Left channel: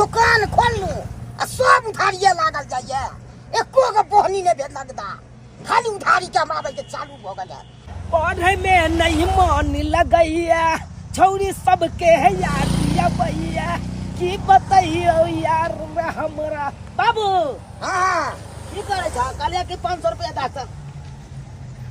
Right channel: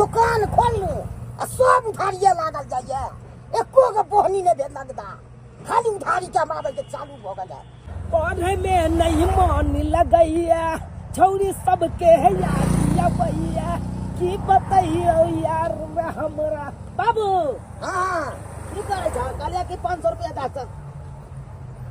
दुकान खोल लूं आ सब उधारिये लागल जाइए एको गो बोहनी ने भेल लगदा खाली उधारी के मारे के चालू भ गेल है। पढ़े में नहीं मन लगैया छौरी सबके है यादिया भैया की बताइयो यार हमरा बाबू। हां की करे छ काले के 500 रुपया दा छ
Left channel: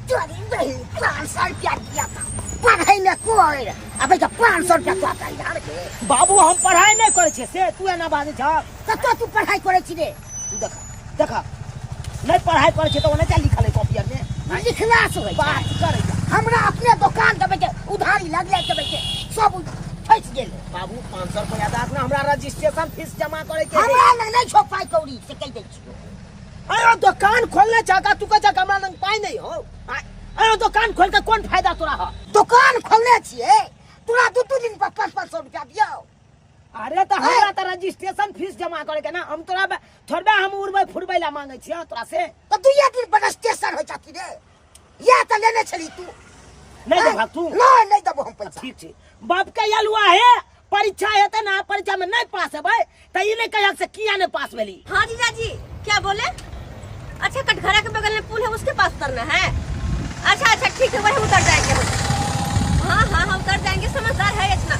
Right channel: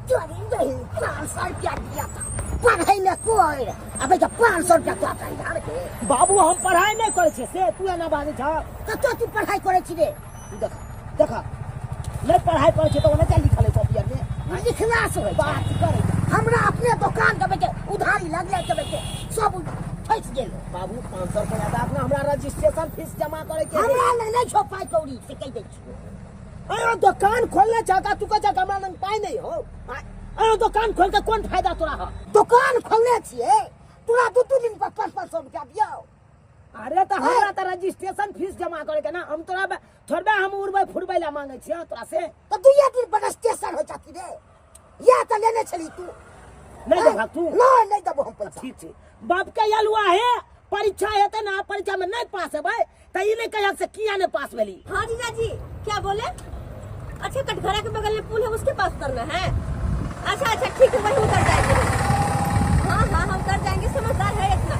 चोरी नहीं 500 रुपया दिया था पढ़ाई में कोई अबे तो 500 रुपया तो आता यार के बाबू हम पढ़ाई नहीं करे छे से तू एना बाजे छ तो तू पढ़ाई करे छी रे देखा नहीं पढ़ाई करे छे तो ओने क्या लिखल है कॉपी में लिखला से बात करे हमरा अपने दुकान के बेटे उधारी लगले के बेटे सब फंस गेल। बाबू 500 रुपया दा ना हमरा रजिस्ट्रेशन फीस जमा करे के हमरा नहीं छो पाई कौड़ी से कह दे छी। अरे दुकान खोलने चाहता तू का हमरा लंग पाई नहीं हो। अरे दुकान खोल के कौन फायदा तोरा हो। दुकान खोलने छिए तोरा दू दिन पर 500 रुपया दियो। अरे तो हमरा तो रजिस्ट्रेशन फीस जमा करे के ना हम तोरा थोड़बे हम उड़बै फुरबै ला मांगे छियै तोरा से तो तू ये दिन पर रजिस्ट्रेशन हो जाती रे या तो लेने चली तू नहीं दे भाग तू नहीं दबो हम पैसा। ठीक छै बाप के यलुआ है परीक्षा हेते ना परीक्षा में नहीं पास हेबै त ई नहीं कहक से किया नहीं पास भेली। हाँ जीजा जी क्या बोले? अच्छा कटघरा के बगल में पुल है उसके पास उतरना है। अच्छा अच्छा ठीक है वही उतर जाएंगे। हाँ हाँ हम उतर जाएंगे समझदार है इतना।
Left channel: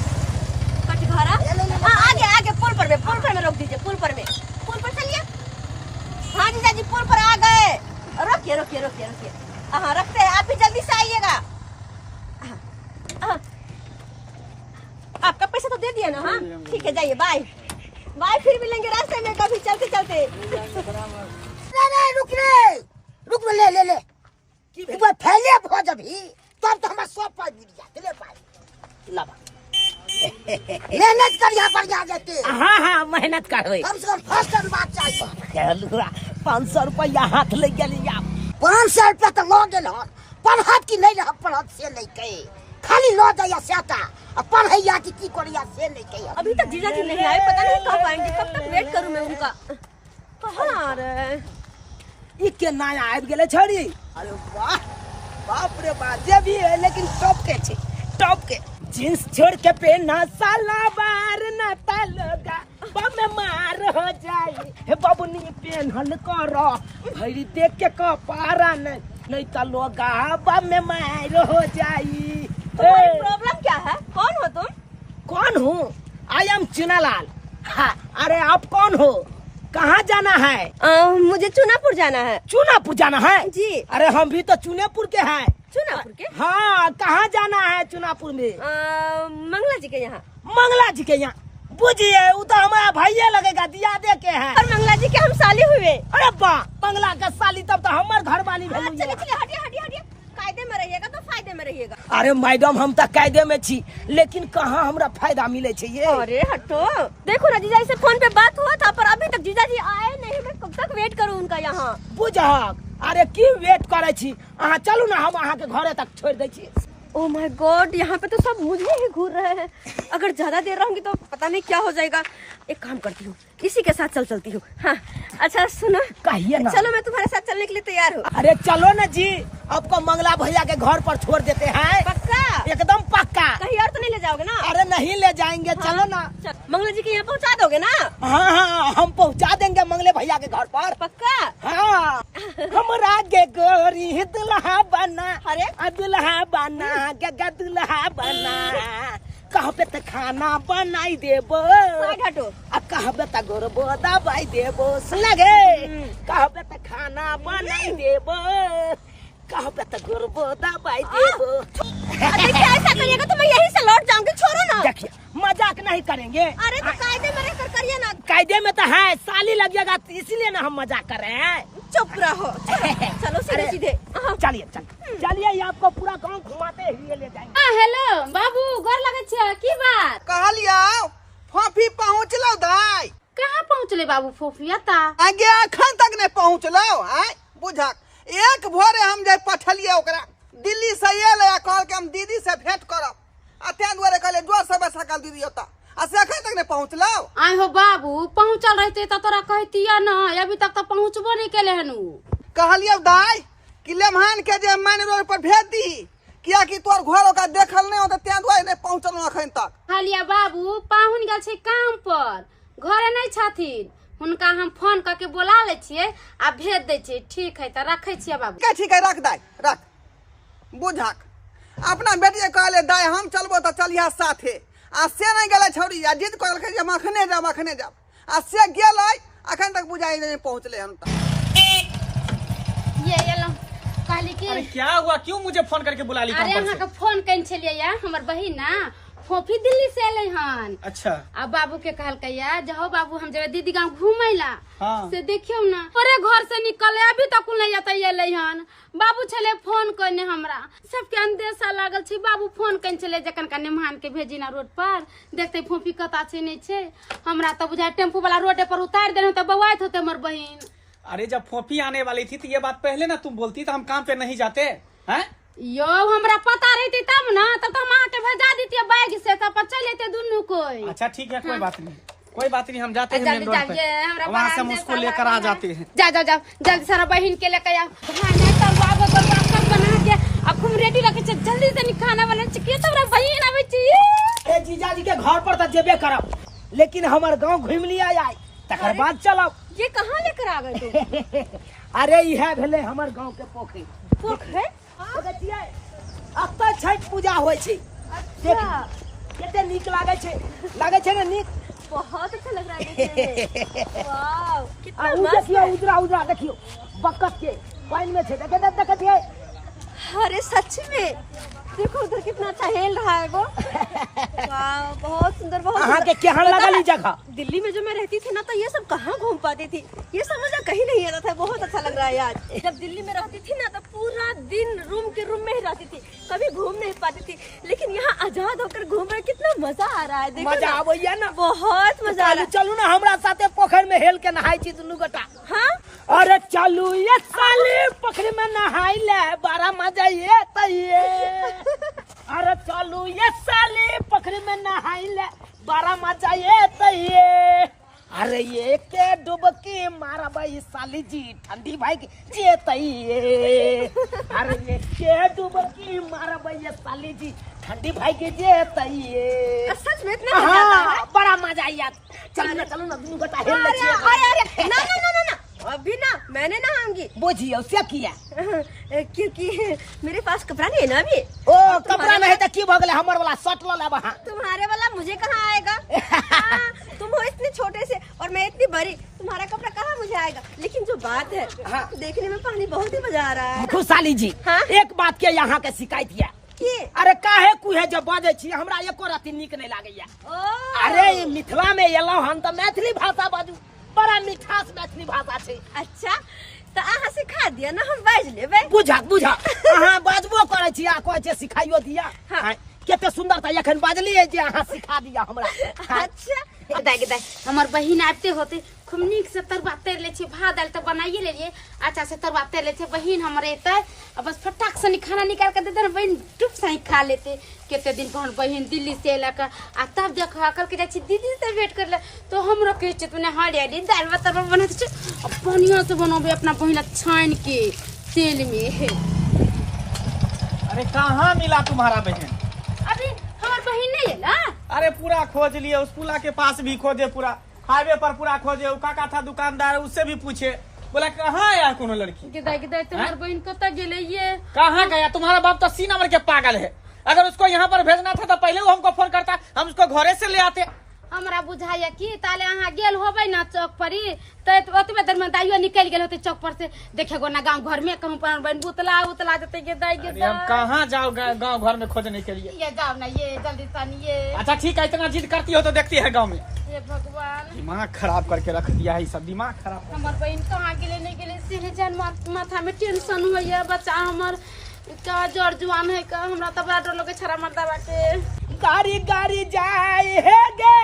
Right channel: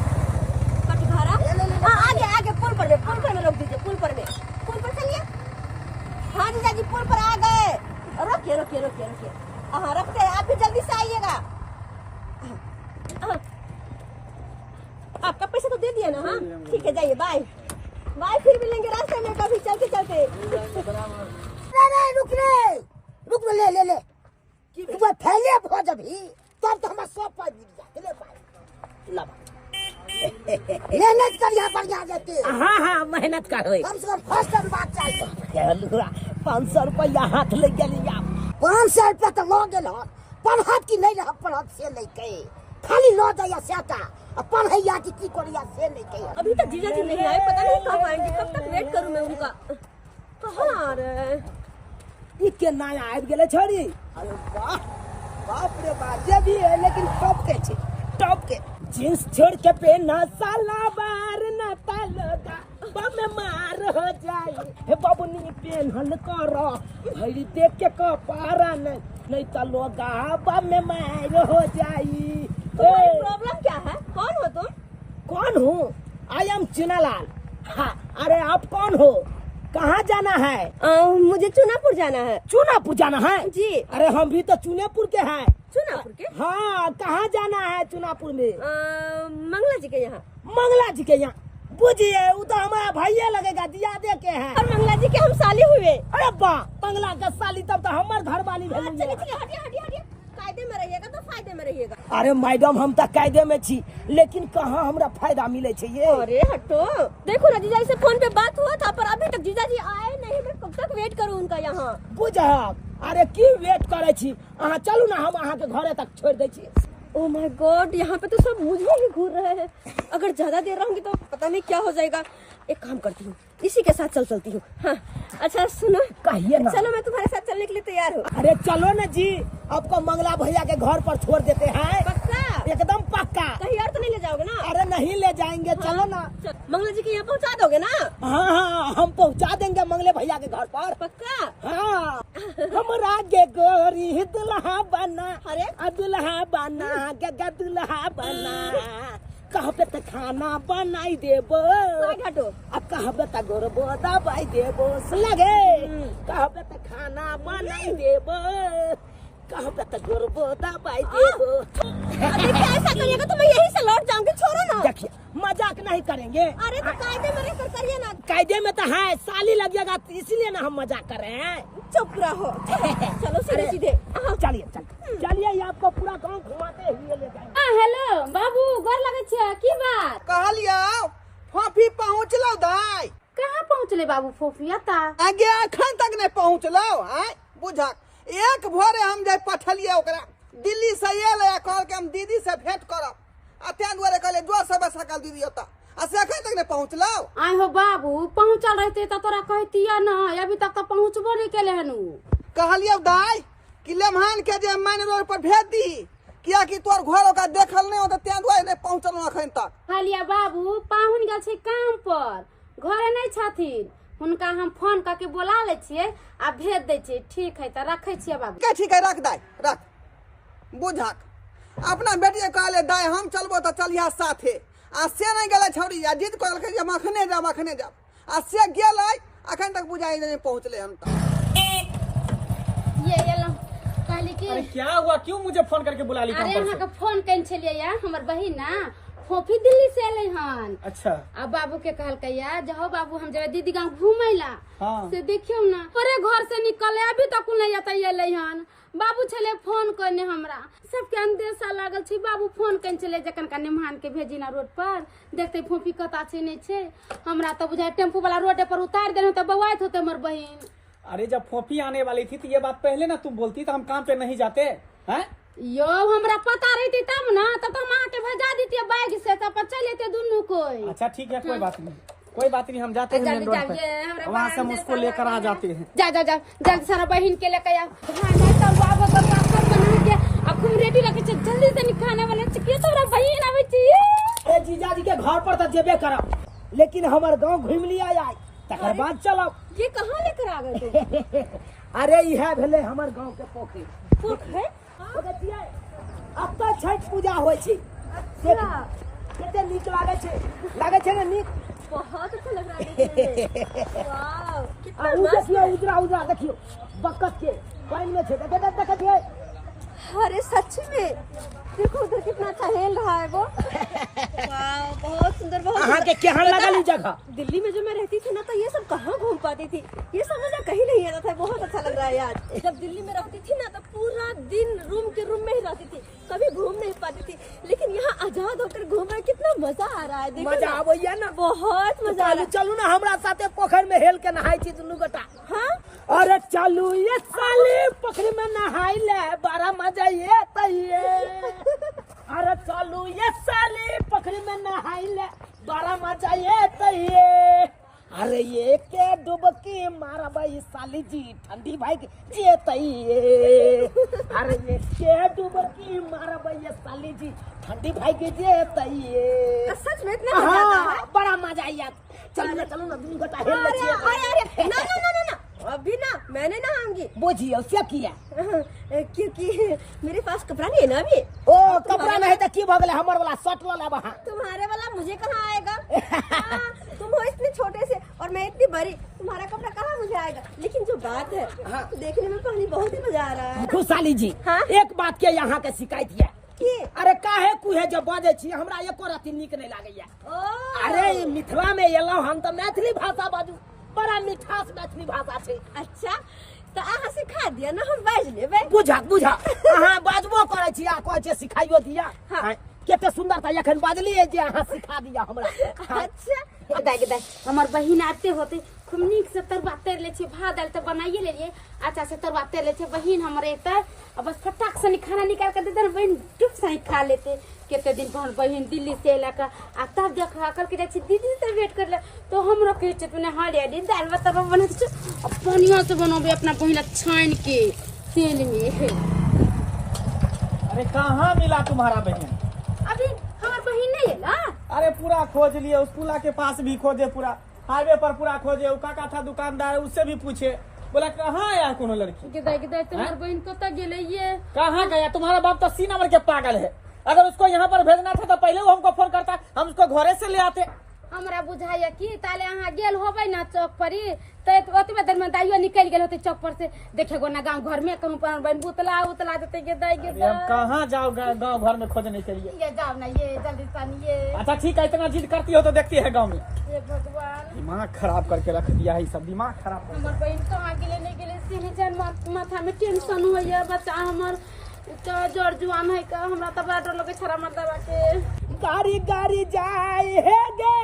कटघरा हाँ आगे आगे पुल पर में रोक दीजिए पुल पर चलिए। हाँ जीजा जी पुल पर आ गए। रोकिए हाँ रखते हैं आप भी जल्दी से आइएगा। आपका पैसा तो दे दिया ना। हाँ ठीक है जाइए बाय फिर मिलेंगे रास्ते में कभी चलते। नहीं रुक ले एक बार फैले हो जभी तब तो हमारा सब पाई मिल जाते ले पाई लाबा मेहनत कर यहाँ पर जा जाते। हाँ मेहनत करबै कम से कम फर्स्ट टाइम बात चाहिए। 500 रुपया हाथ ले गेली आप 500 रुपया तो लो गेल हन पढ़त की नहीं रह पढ़त से नहीं कहे खाली लो जाया सेटा और पढ़ैया की करिया से नहीं कहे। अभी तक जीजा जी नहीं आए पता नहीं कब आएंगे कब तक वेट करूं मैं उनका। कहाँ रे ई के नया आबि गेले छोरी। अरे वाह बाप रे बाप जे भी है लेकिन टॉप के जींस छोड़ के पहना साला बार ना तालगा बम मार हो जाई हे बाबूनी पेनहल करो भरी देख के कपारा नहीं तलोगा बम मार हो जाई। तुम्हारी प्रॉब्लम क्या है? कौन हो तुम? कौन हूँ? I am Chunalal. हाँ अरे आप कौन हो? कहाँ जाना है? मुझे चुनापुर जाना है। चुनापुर जाना है जी। अरे हम भी तो चुनापुर के हैं। चुनापुर के? हाँ कहाँ जाना है चुनापुर में? मंगला जी के यहाँ। मंगला जी के यहाँ बुझिए वो तो हमारा भाइये लगेगा दिया दे के हैं। और मंगला जी के हम साली हुए। अरे वाह मंगला का साली तब तो हमारे घर वाली चलिए हटिए कायदे में रहिएगा तो फायदे में रहिएगा। अरे मैडम हम तो कायदे में छी लेकिन कहाँ हमरा फायदा मिले छे ये। अरे हटो देखो ना जीजा से फोन पे बात हुआ था पर अभी तक जीजा जी आए नहीं। मैं कब तक वेट करूँ उनका यहाँ? बुझक अरे की वेट करे छी अहाँ चलू ना हम अहाँ के घरे तक छोड़ दे छी। ओह माय गॉड यहाँ पे तो सब मुझे ही घूर रहे हैं। अगर ज्यादा देर रहूंगी तो पता नहीं क्या हो जाएगा। एक काम करती हूँ इसी के साथ चलती हूँ। हाँ अच्छा सुनो कहिए ना। चलो मैं तुम्हारे साथ चलने के लिए तैयार हूँ। अरे चलो ना जी आपको मंगला भैया के घर पर छोड़ देते हैं। पक्का? एकदम पक्का। कहीं और तो नहीं ले जाओगे ना? अरे नहीं ले जाएंगे। हाँ? चलो ना मंगला जी के यहाँ पहुँचा दोगे ना? हाँ हम पहुँचा देंगे मंगले भैया के घर पर। पक्का? हाँ हमरा के गोरी दुल्हा बना। अरे दुल्हा बना के दुल्हा बना कहबे त खाना बनाई देबो हटो कहबे त गोरबो दबाई देबो सुनगे कहबे त खाना बनाई देबो कहबे त गोरबो दबाई देबो। देखिए ऐसा करिएगा तो मैं यहीं से लौट जाऊंगी। छोड़ो ना। देखिए मजाक नहीं करेंगे। अरे तो कायदे में रहकर करिए ना। कायदे में तो है साली लगेगा इसलिए ना हम मजाक कर रहे हैं। चुप रहो चलो सीधे चलिए आपको पूरा गांव घुमाते हुए ले जाएंगे। हेलो बाबू गोर लगे छे की बात कहलिया फोफी पहुँचलो दाई। कहाँ पहुँचले बाबू फोफिया ता आगे अखन तक नहीं पहुँचलो है बुझक। एक भोरे हम जाय पठलिए ओकरा दिल्ली से एल कहल के हम दीदी से भेंट करब आ तें दुआरे कहले जो सब सकल दीदी होता आ से अखन तक नहीं पहुँचलो। आय हो बाबू पहुँचल रहते तो तोरा कहतिया ना अभी तक तो पहुँचबो नहीं केले हनु। कहलिए दाई कि लेमहान के जे माइन रोड पर भेज दी किया कि तोर घर ओकरा देखल नहीं होता तें दुआरे नहीं पहुँचलो अखन तक। कहलिया बाबू पाहुन गेल छे काम पर घरे नहीं छथिन, हुनका हम फोन करके बोला ले छियै आ भेज दै छियै। ठीक है तो रखे छियै बाबू। के ठीक है, रख दाय रख। बुझक अपना बेटी कहले दाय हम चलबो तो चलिया साथे, आ से नहीं गेले छौरी, आ जिद कहलकै जे मखने जाब आ से गेलै, अखन तक बुझाई नहीं पहुंचले हम तक। ये लो कहली कि अरे क्या हुआ, क्यों मुझे फोन करके बुला ली? अरे अहाँ के फोन कइन छलियै या हमर बहिन ना फोफी दिल्ली से एलै हन। अच्छा। आ बाबू के कहलकै या जाओ बाबू हम जेबै दीदी गांव घूमै ला। हाँ। से देखियो ना अरे घर से निकले अभी तक नहीं एतै एलै हन। बाबू छले फोन करने हमरा, सबके अंदेशा लागल छै। बाबू फोन कइन छले जखन का मेहमान के भेजी ना रोड पर, देखते फोफी कता छै नहीं छै। हमरा तो बुझाय टेम्पू वाला रोड पर उतार देने तो बवाइत होते हमर बहिन। अरे जब फोफी आने वाली थी तो ये बात पहले ना तुम बोलती तो हम काम पे नहीं जाते हैं। यो हमरा पता रहती तब ना, तब तो हम आके भेजा देती बैग से, तब पर चल लेते दुनू कोई। अच्छा ठीक है, कोई बात नहीं, कोई बात नहीं, हम जाते हैं मेन रोड पे, वहाँ से हम उसको लेकर आ जाते हैं। जा जा जा जल्दी सारा बहन के लेकर आओ। भाई नहीं तो बाबू तो सब बना के अब खूब रेडी रखे छ, जल्दी से खाना बना छ के तोरा बहन आवे छी। ए जीजा जी के घर पर तो जेबे करब, लेकिन हमर गांव घूम लिया आय तकर बाद चलब। ये कहाँ लेकर आ गए तुम? अरे इहे भेले हमर गांव के पोखरी। पोखरे? अब तो छठ पूजा होय छै। अच्छा, कते नीक लागे छै ना नीक। बहुत अच्छा लग रहा है देखने में। वाव, कितना मस्त देखियो है। उजरा देखियो बकत के पानी में छै, देखिए। अरे सच में देखो उधर कितना अच्छा हेल रहा है वो। वाव, बहुत सुंदर, बहुत अहाँ के सुंदर। केहन पता लागल है, ई जगह? दिल्ली में जो मैं रहती थी ना तो ये सब कहाँ घूम पाती थी, ये समझ कहीं नहीं आता था। बहुत अच्छा लग रहा है यार। जब दिल्ली में रहती थी ना तो पूरा दिन रूम के रूम में ही रहती थी, कभी घूम नहीं पाती थी। लेकिन यहाँ आजाद होकर घूम रहे, कितना मजा आ रहा है। देखो मजा ना, आबैया ना, बहुत मजा आ रहा है। चलू ना हमरा साथे पोखर में हेल के नहाई छी दुनू गोटा। हाँ, अरे चलू ये साली पोखरी में नहाई ले, बड़ा मजा ये तइए। अरे चलू ये साली पोखरी में नहाई ले, बड़ा मजा ये तइए। अरे ये के डुबकी मारा भाई साली जी, ठंडी भाई जे तइए। अरे ये के डुबकी मारा भाई साली जी, ठंडी भाई के जे तइए। सच में इतना मजा आता है। हाँ, बड़ा मजा आया। चलो ना दुनू गोटा हेल ले अरे छिए। अरे ना ना ना ना ना, अभी ना मैंने नहाऊंगी। बुझियो से किया क्योंकि मेरे पास कपड़ा नहीं है ना अभी। ओ कपड़ा नहीं है की भगले, हमर वाला शर्ट ला लेब। हां तुम्हारे वाला मुझे कहाँ आएगा? हाँ, तुम हो इतने छोटे से और मैं इतनी बड़ी, तुम्हारा कपड़ा कहाँ मुझे आएगा? लेकिन जो बात है, हाँ। देखने में पानी बहुत ही मजा आ रहा है। खुशहाली जी, हाँ? एक बात के यहाँ के शिकायत है की? अरे काहे कुहे जब बाजे छी हमरा एको रति नीक नहीं लागैया। ओ, अरे ई मिथिला में एलौ हम तो मैथिली भाषा बाजू, बड़ा मिठास मैथिली भाषा छै। अच्छा तो अहाँ सिखा दिया ना, हम बाज लेबै। बुझा अहाँ बाजबो करे छी, आ कहै छै सिखाइयो दिया। हाँ। केते सुंदर त एखन बाजलिए जे अहाँ सिखा दिया हमरा। अच्छा, दाई हमर बहिन आते होते खूब नीक से तरुआ तर ले छे, भात दाल तो बनाइए ले लिए, अच्छा से तरुआ तर ले छे। बहिन हमरे एते अब बस फटाक से खाना निकाल के दे दे, बहिन टुप से खा लेते। केते दिन पर बहिन दिल्ली से एलक आ तब देख कर के जाय छी दीदी से वेट कर ले, तो हमरो कहे छै तूने हरियाली दाल भात तरुआ बनाते छ, बढ़िया से बनोबे अपना बहिन छान के तेल में। अरे कहाँ मिला तुम्हारा बहन? अभी हमर बहिन नहीं है ना। अरे पूरा खोज लिए, उस पुला के पास भी खोजे, पूरा हाईवे पर पूरा खोजे। वो काका था दुकानदार, उससे भी पूछे, बोला कहाँ आया कोनो लड़की? गिदाई तुम्हार बहिन कत गेले ये? कहाँ गया? तुम्हारा बाप तो 3 नंबर के पागल है। अगर उसको यहाँ पर भेजना था तो पहले वो हमको फोन करता, हम उसको घरे से ले आते। हमरा बुझाया कि ताले अहाँ गेल होबै ना चौक पर, तो ओतबे देर में दाइयो निकल गेल होते चौक पर से, देखेगो ना गांव घर में कहूं पर बन उतला देते के दाई के। अरे हम कहाँ जाओ गांव घर में खोजने के लिए? ये जाओ ना, ये जल्दी सन ये। अच्छा ठीक है, इतना जिद करती हो तो देखती है गांव में। हे भगवान, दिमाग खराब करके रख दिया है, सब दिमाग खराब। हमर बहन कहाँ गेले नहीं गेले से जान माथा में टेंशन होइए। बच्चा हमर का जड़ जुआन है का, हमरा तो बड़ा डर लगे छरा मर्दावा के। गाड़ी जाए हे गे,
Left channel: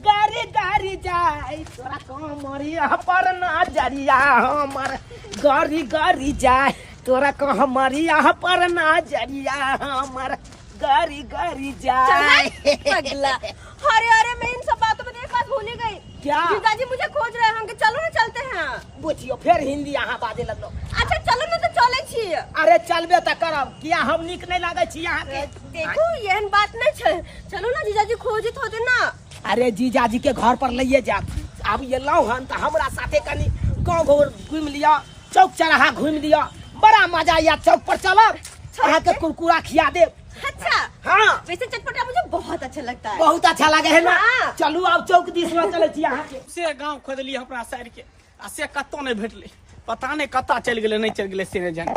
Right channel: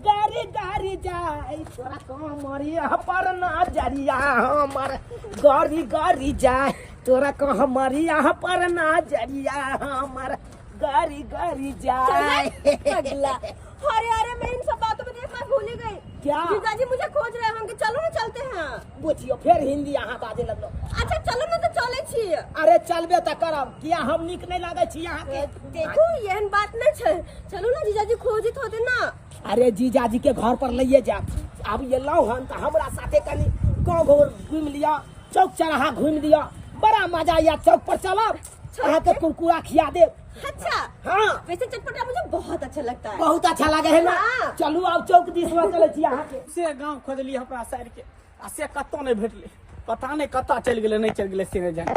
गाड़ी जाए तोरा कमरिया पर ना जरिया हमर। गाड़ी जाए तोरा कमरिया पर ना जरिया हमर। गाड़ी जाए। पगला। अरे मैं इन सब बातों में एक बात भूल ही गई। क्या? पिताजी मुझे खोज रहे हैं, चलो ना चलते हैं। बुझियो फिर हिंदी यहाँ बाजे लगलो। अच्छा चलो ना, तो चले छिए। अरे चलबे त करब, किया हम नीक नहीं लागे छी यहाँ के? देखो यहन बात नहीं छे, चलो ना जीजाजी खोजित होते ना। अरे जीजाजी के घर पर लइए जा, अब ये लाओ हन तो हमरा साथे कनी गाँव घोर घूम लिया, चौक चौराहा घूम लिया, बड़ा मजा या चौक पर चलब, अहाँ के कुरकुरा खिया दे। अच्छा हाँ वैसे चटपटा मुझे बहुत अच्छा लगता है। बहुत अच्छा लगे है ना। हाँ। चलू अब चौक दिस में चले छी अहाँ के। से गांव खोजलिए अपना साइड के आ से कत्तो नहीं भेटले, पता नहीं कत्ता चल गेले नहीं चल गेले से नहीं जाने।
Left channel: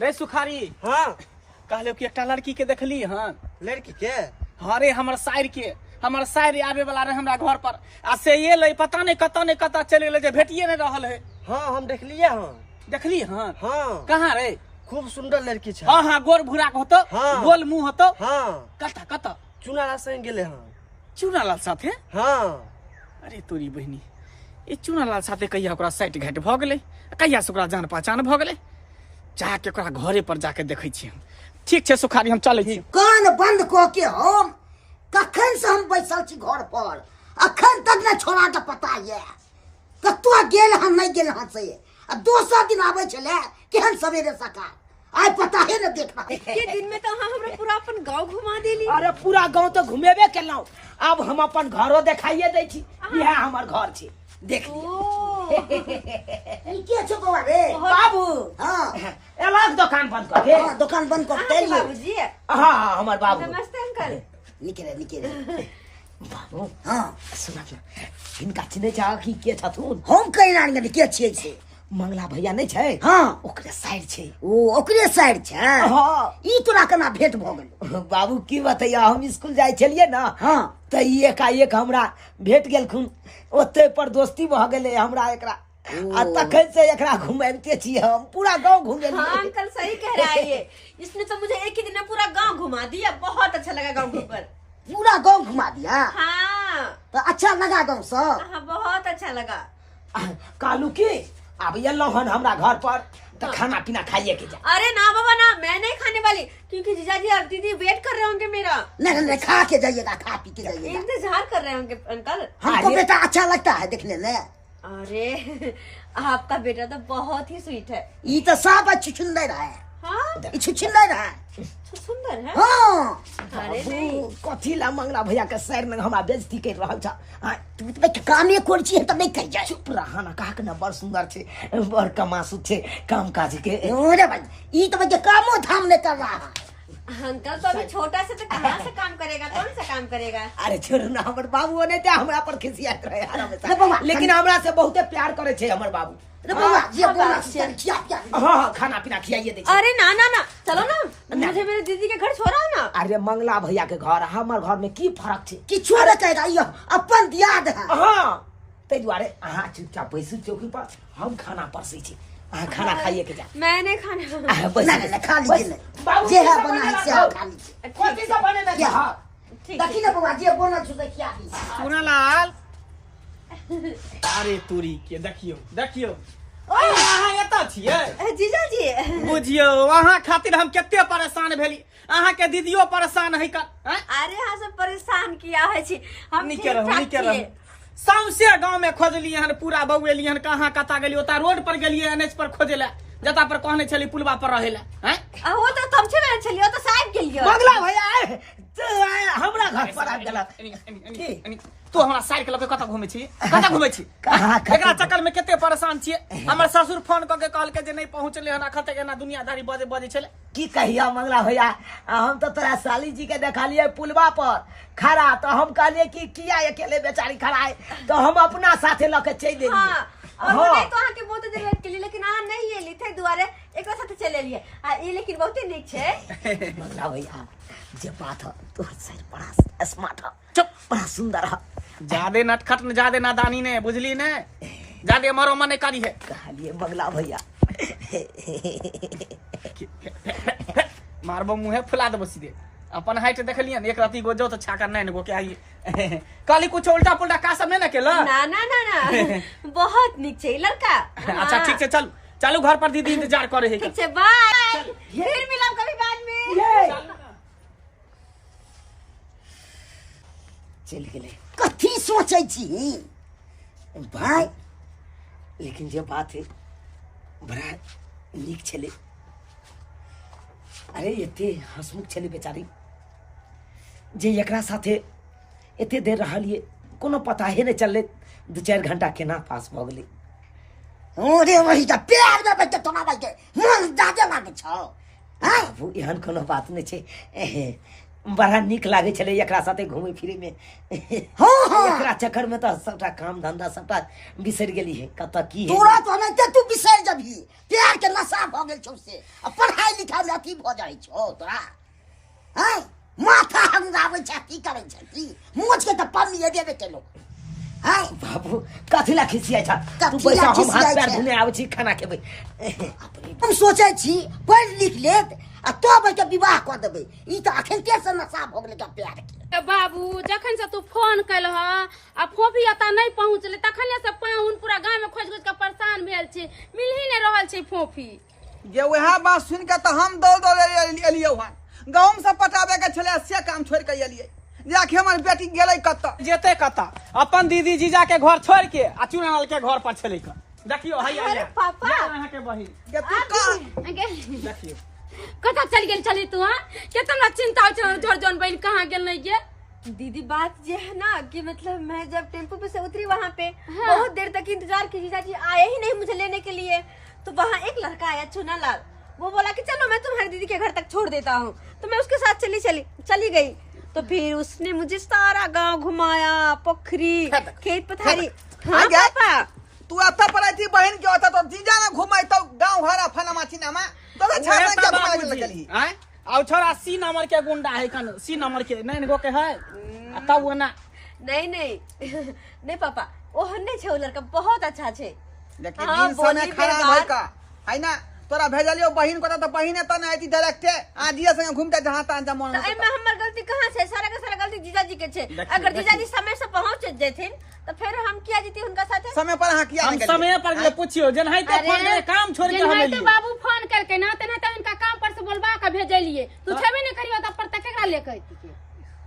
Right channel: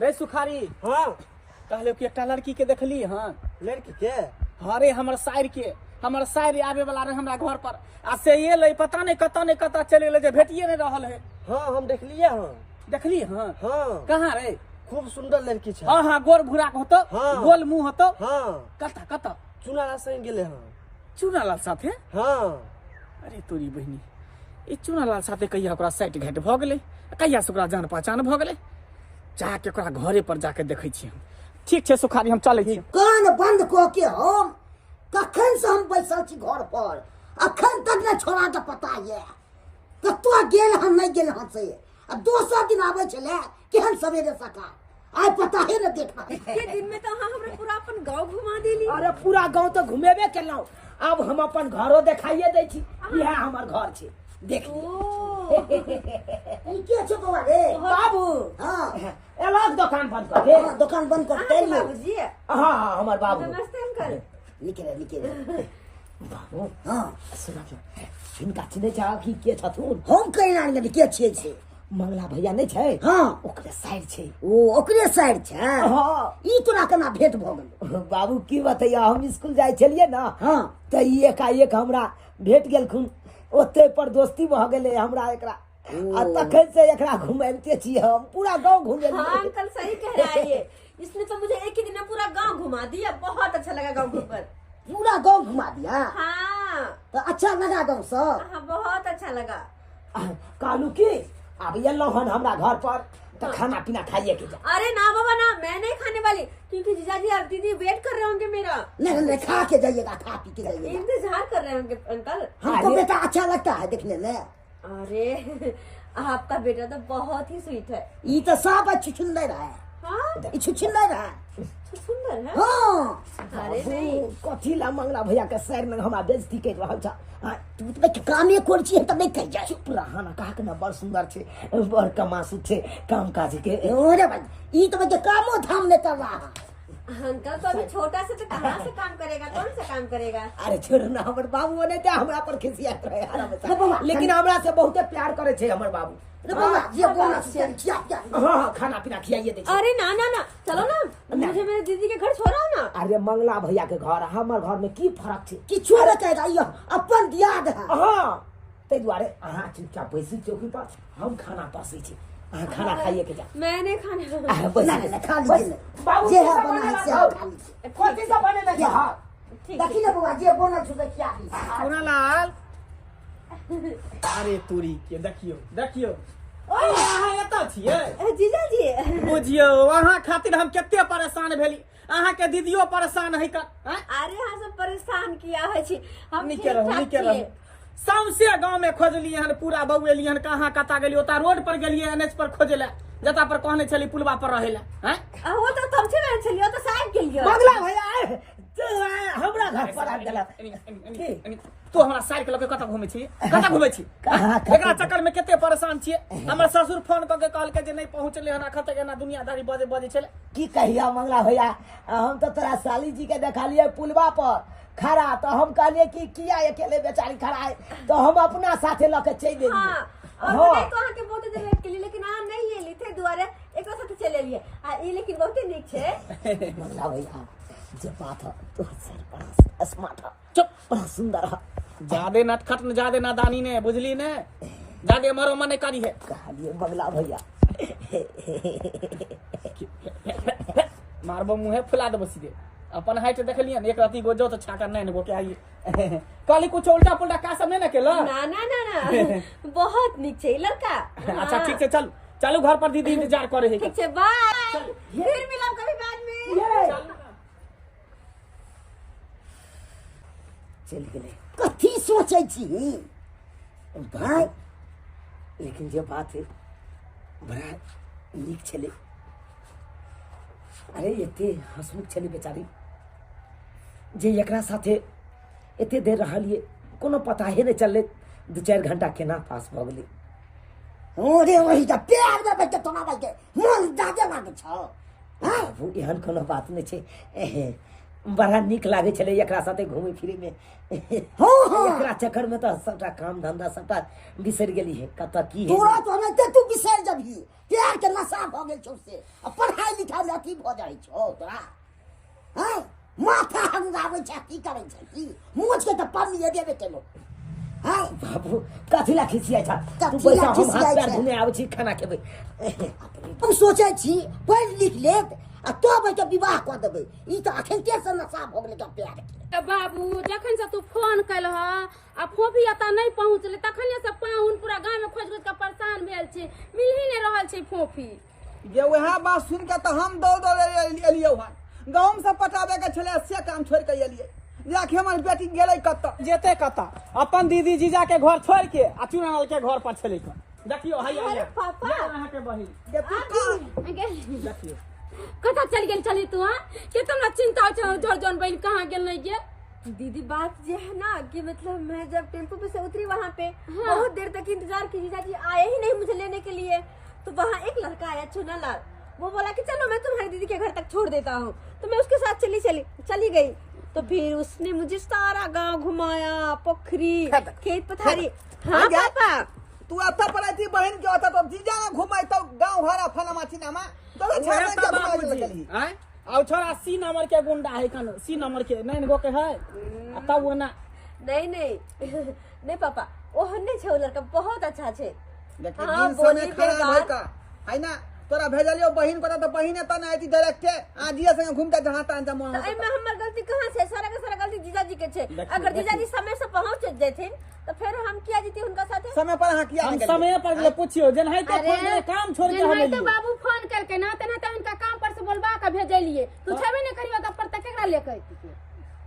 रे सुखारी हाँ कहले कि एकटा लड़की के देखली हन। लड़की के हाँ रे हमर साइड के, हमर साइड आवे वाला रहे हमरा घर पर आ से ये ले पता नहीं कत्ता चल गेले जे भेटिए नहीं रहल है। हाँ हम देखलिए हाँ। देखली हन हाँ कहाँ रे? खूब सुंदर लड़की छै। हाँ हाँ गोर भूरा के होतो, हाँ। गोल मुंह होतो। हाँ कत्ता चुनारा संग गेले हाँ। चूनालाल साथे? हाँ अरे तोरी बहिनी ई चूनालाल साथे कहिया ओकरा साइट घाट भ गेलै, कहिया से ओकरा जान पहचान भ गेलै, जाके ओकरा घरे पर जाके देखै छी हम। ठीक छै सुखारी हम चलै छी। कान बंद क के हम कखन से हम बैसल छी घर पर, अखन तक न छोड़ा के पता ये कतुआ गेल हम नहीं गेल हां से। आ दोसर दिन आबै छले केहन सवेरे सका, आइ पता है न देखना। के दिन में तो हाँ हमरा पूरा अपन गांव घुमा देली। अरे पूरा गांव तो घुमेबे केलौं, अब हम अपन घरो देखाइए दै छी। यह हमर घर छै, देख लिया। ओ ई के छ बौआ रे? बाबू हां एलाक दुकान बंद कर के। हां दुकान बंद कर आपके दे। बाबूजी। हाँ हमर बाबू। नमस्ते अंकल। निकले बाबू हां सुना इनका चिन्हे छ कि के छथुन? हम कहिना नहीं के छियै से। मंगला भैया नहीं छै? हाँ ओकरे साइड छै। ओ ओकरे साइड छै। हाँ ई तोरा केना भेंट भ गेल? बाबू की बतैया, हम स्कूल जाय छलिए ना हाँ तो एकाएक हमरा भेट गेलखुन, ओते पर दोस्ती भ गेले हमरा एकरा। आ तखन से एकरा घुमाइते छी हम, पूरा गांव घुमेलिए। हाँ अंकल सही कह रहा है ये, इसने तो मुझे एक ही दिन में पूरा गांव घुमा दिया, बहुत अच्छा लगा गांव घूमकर। पूरा गांव घुमा दिया? हाँ तो अच्छा लगा गांव सब? हाँ बहुत अच्छा लगा। कालू की अब एलौं हन हमरा घर पर तो खाना पीना खाइए के जा। अरे ना बाबा ना, मैं नहीं खाने वाली, क्योंकि जीजाजी और दीदी वेट कर रहे होंगे मेरा। नहीं खा के जाइएगा, खा पी के जाइएगा। इंतजार कर रहे होंगे अंकल। हमको बेटा अच्छा लगता है देखने में। अरे आपका बेटा तो बहुत ही स्वीट है। ये तो सब छुछुंदर है। हाँ ये छुछुंदर है। तो सुंदर है। हाँ अरे नहीं कथी ला मंगला भैया के सर में हमरा बेइज्जती कर रहल छ। तू तो कामे कोरची है तब नहीं कह जाए। चुप रहा ना, कहा के ना बड़ सुंदर छे, बड़ कमासु छे, काम काज के। अरे भाई ये तो बच्चे कामो धाम नहीं कर रहा है। अंकल तो अभी छोटा से तो कहाँ से काम करेगा, कौन सा काम करेगा? अरे छोड़ ना, हमर बाबू ने ते हमरा पर खिसियात रहे अरे हमेशा, बाबा, लेकिन हमरा से बहुते प्यार करे छे हमर बाबू। अरे बाबा ये बोला खिया क्या? हाँ खाना पीना खियाइए दे। अरे ना ना ना चलो ना, मुझे मेरे दीदी के घर छोड़ो ना। अरे मंगला भैया के घर हमर घर में की फर्क छे? कि छोड़ कहेगा ये अपन दियाद है। हाँ ते दुआरे अहाँ चुपचाप बैसू चौकी पर, हम खाना परसै छी, अहाँ खाना खाइए के जा। मैं नहीं खाने नहीं खा लीजिए, ये है बना है से खा लीजिए। कथी से बने ये ना? हाँ ठीक देखी ना बाबा ये बोला छुदे क्या दी। चूनालाल अरे तोरी के देखियो अहाँ एतऽ छियै? है जीजाजी। बुझियो अहाँ खातिर हम कते परेशान भेली, अहाँ के दीदियो परेशान है का? अरे हाँ सब परेशान किया है छी हम। निके रहू ठीक-ठाक निके रहू। छियै। सौंसे गांव में खोजलिए हन, पूरा बउएलिए हन, कहाँ कता गेलिए, ओता रोड पर गेलिए एनएच पर खोजे ला, जता पर कहने छली पुलवा पर रहे ला। हैं वो तो तुम छे छलियो तो साहब गेलियो। मंगला भैया हमरा घर पर आ गेला। तू हमरा साइड के लके कता घुमै छी, कता घुमै छी? कहाँ एकरा चक्कर में कते परेशान छियै। हमर ससुर फोन क के कहल के जे नहीं पहुंचले हन, अखन तक एना दुनियादारी बजे छले। की कहिया मंगला भैया, हम तो तोरा साली जी के देखा लिए पुलवा पर खड़ा, तो हम कहलिए कि किया अकेले बेचारी खड़ा है, तो हम अपना साथे लके चल देलिए। हाँ और हाँ। नहीं तो आके बहुत देर वेट के लिए, लेकिन आ नहीं ये लिथे दुआरे एक साथ चले लिए। आ ये लेकिन बहुत ही नीक छे। मंगला भैया जे बात है तोर सही बड़ा स्मार्ट है, चुप, बड़ा सुंदर है। ज्यादा नटखट न ज्यादा नादानी ने, बुझली ने, ज्यादा मरो मन करी है। कहलिए मंगला भैया मारबो मुंहे फुला देबो सीधे। अपन हाइट देखलिए एक राती गोजो तो छाकर नहीं गो के आई काली कुछ उल्टा पुल्टा का सब नहीं ना केला। ना ना ना ना बहुत नीक छे लड़का। अच्छा ठीक है चल चालू घर पर दीदी इंतजार करे है। ठीक छे बाय, फिर मिलब कभी बाद में। चल गेले कथी सोचे छी भाई? लेकिन जे बात है बड़ा नीक छले। अरे एते हंसमुख छले बेचारी, जे एकरा साथे एते देर रहलिए कोनो पता ही नहीं चलले 2-4 घंटा केना पास भऽ गेलै। ओरे वही त प्यार में बैठे तोना भाई के मन दादे लागे छ हां बाबू एहन कोनो बात नहीं छे। बड़ा नीक लागे छले एकरा साथे घूमे फिरे में। एकरा चक्कर में तो सबटा काम धंधा सबटा बिसर गेली है। कत की है तोरा तो नहीं तू बिसर जबही प्यार के नशा भ गेल छौ से पढ़ाई लिखाई में अथी भ जाई छौ तोरा हां माथा हंगावे छ की करे छ की मुझ के त पम्मी देबे केलो हां बाबू कथिला खिसिया छ तू कथिला पैसा हम हाथ खिसियाइ पैर छै? धुने आबै छी खाना खेबै। हम सोचे छी पढ़ लिख लेत आ तो के विवाह कर देबे ई त अखन के से नशा भ गेल का प्यार के। बाबू जखन से तू फोन कैल ह आ फोफी एता नहीं पहुँचले तखने से पाहुन पूरा गांव में खोज खोज के परेशान भेल छे मिल ही नहीं रहल छे फोफी। जे वह बात सुन के तो हम दौड़ एलियो हन गाँव से पटाबे के छले से काम छोड़ के एलिए जाके हमर बेटी गेलै कत जेते कता अपन दीदी जीजा के घर छोड़ के आ चुनालाल के घर पर चले कर देखियो हैया अरे या पापा। या अहाँ के बहिन के तू का देखियो कता चल गेल चली तू हां केतना चिंता हो छ जोर जोन बहन कहां गेल नहीं गे। दीदी बात ये है ना कि मतलब मैं जब टेम्पो पे से उतरी वहाँ पे बहुत देर तक इंतजार की जीजा जी आए ही नहीं मुझे लेने के लिए। तो वहाँ एक लड़का आया चुनालाल वो बोला कि चलो मैं तुम्हारी दीदी के घर तक छोड़ देता हूँ। तो मैं उसके साथ चली गई। तो फिर उसने मुझे सारा गांव घुमाया पोखरी खेत पथारी। हाँ पापा तू आता पर थी बहन के होता तो जीजा ना घुमाई तो गांव भरा फना माछी नामा तो छाड़ के घुमाई चली हैं आउ छोरा सी नंबर के गुंडा है कन सी नंबर के नहीं गो के है तब वो ना नहीं नहीं पापा वो हन्ने छे वो लड़का बहुत अच्छा छे। लेकिन हाँ, दिन समय बोली खराब बेकार। है का है ना तोरा भेजलियो बहिन को तो बहिने तो नहीं आती डायरेक्ट आजिए संग घूमते जहां तहां जमन तो एमे हमर गलती कहाँ छे? सारा का सारा गलती जीजा जी के छे। अगर जीजा जी समय से पहुंच जेथिन तो फिर हम किया जीती उनका साथे। समय पर हां किया हम नहीं समय पर ले पूछियो जन है तो फोन करे काम छोड़ के हम तो लिए बाबू फोन करके ना तना तो इनका काम पर से बोलबा के भेजलिए तू छबे नहीं करियो त पर तक केकरा ले कहती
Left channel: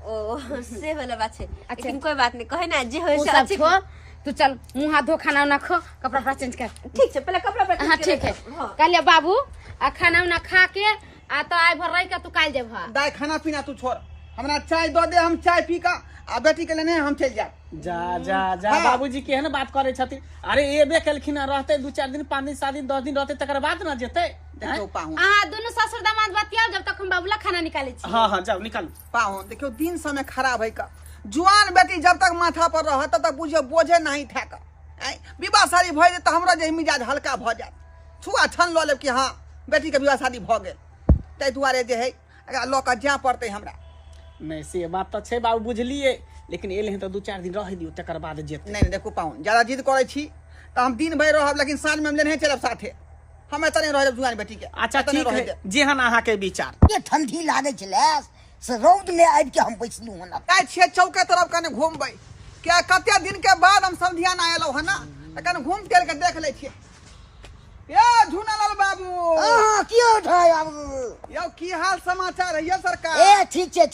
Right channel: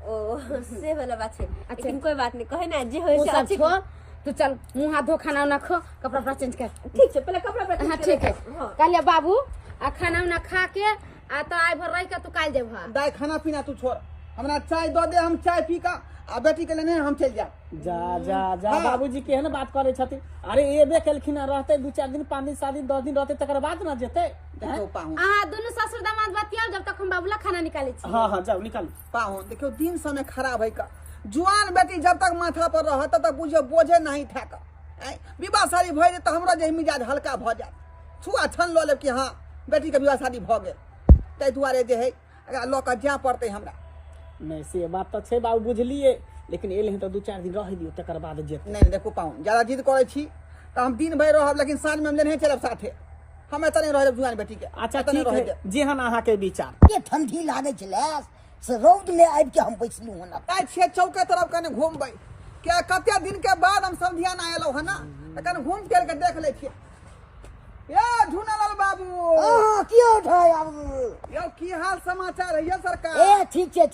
ओ से वाला बात छे। लेकिन कोई बात नहीं कहे ना जी होय वो से सब अच्छी। छो तू चल मुंह हाथ धो खाना ना खो कपड़ा उपड़ा चेंज कर। ठीक छे पहले कपड़ा पर हाँ ठीक है हाँ। कहलिए बाबू आ खाना उना खा के आ तो आइ भर रह के तू काल जेबा। दाई खाना पीना तू छोड़ हमरा चाय दो दे हम चाय पी का आ बेटी के लेने हम चल जा जा बाबूजी केहन बात करे छथिन। अरे एबे केलखिन रहते 2-4 दिन 5 दिन 7 दिन 10 दिन रहते तकर बाद ना जेते। देखो पाहु आ दोनों ससुर दामाद बतियाओ जब तक हम बाबूला खाना निकाले छी। हां जाओ निकाल पाहु देखियो दिन समय खराब है का जुआन बेटी जब तक माथा पर रह तब तक बुझियो बोझे नहीं ठेक विवाह शादी भ जाए तो हमरा जे मिजाज हल्का भ जाए छुआ छन ल लेब कि हां बेटी के विवाह शादी भ गेल तै दुआरे जे है अगर लोक जा पड़ते हमरा नहीं से बात तो छे बाबू बुझलिए लेकिन एले तो 2-4 दिन रह दियो तकर बाद जेते। नहीं देखो पाहु ज्यादा जिद करे छी तो हम दिन भर रहब लेकिन साँझ में हम लेने चलब साथे हम एत नहीं रहब जुआन बेटी के अच्छा एत नहीं ठीक रहे है देब। जेहन अहाँ के विचार ये ठंडी लागे छले से रौद में आबि के हम बैसलू हन काय छे चौके तरफ कने घूमबै क्या कते दिन के बाद हम सब ध्यान आयलो है ना त कने घूम टहल के देख ले छिए। या झुनालाल बाबू हां की उठाय बाबू यो की हाल समाचार है ये सरकार ए ठीक छे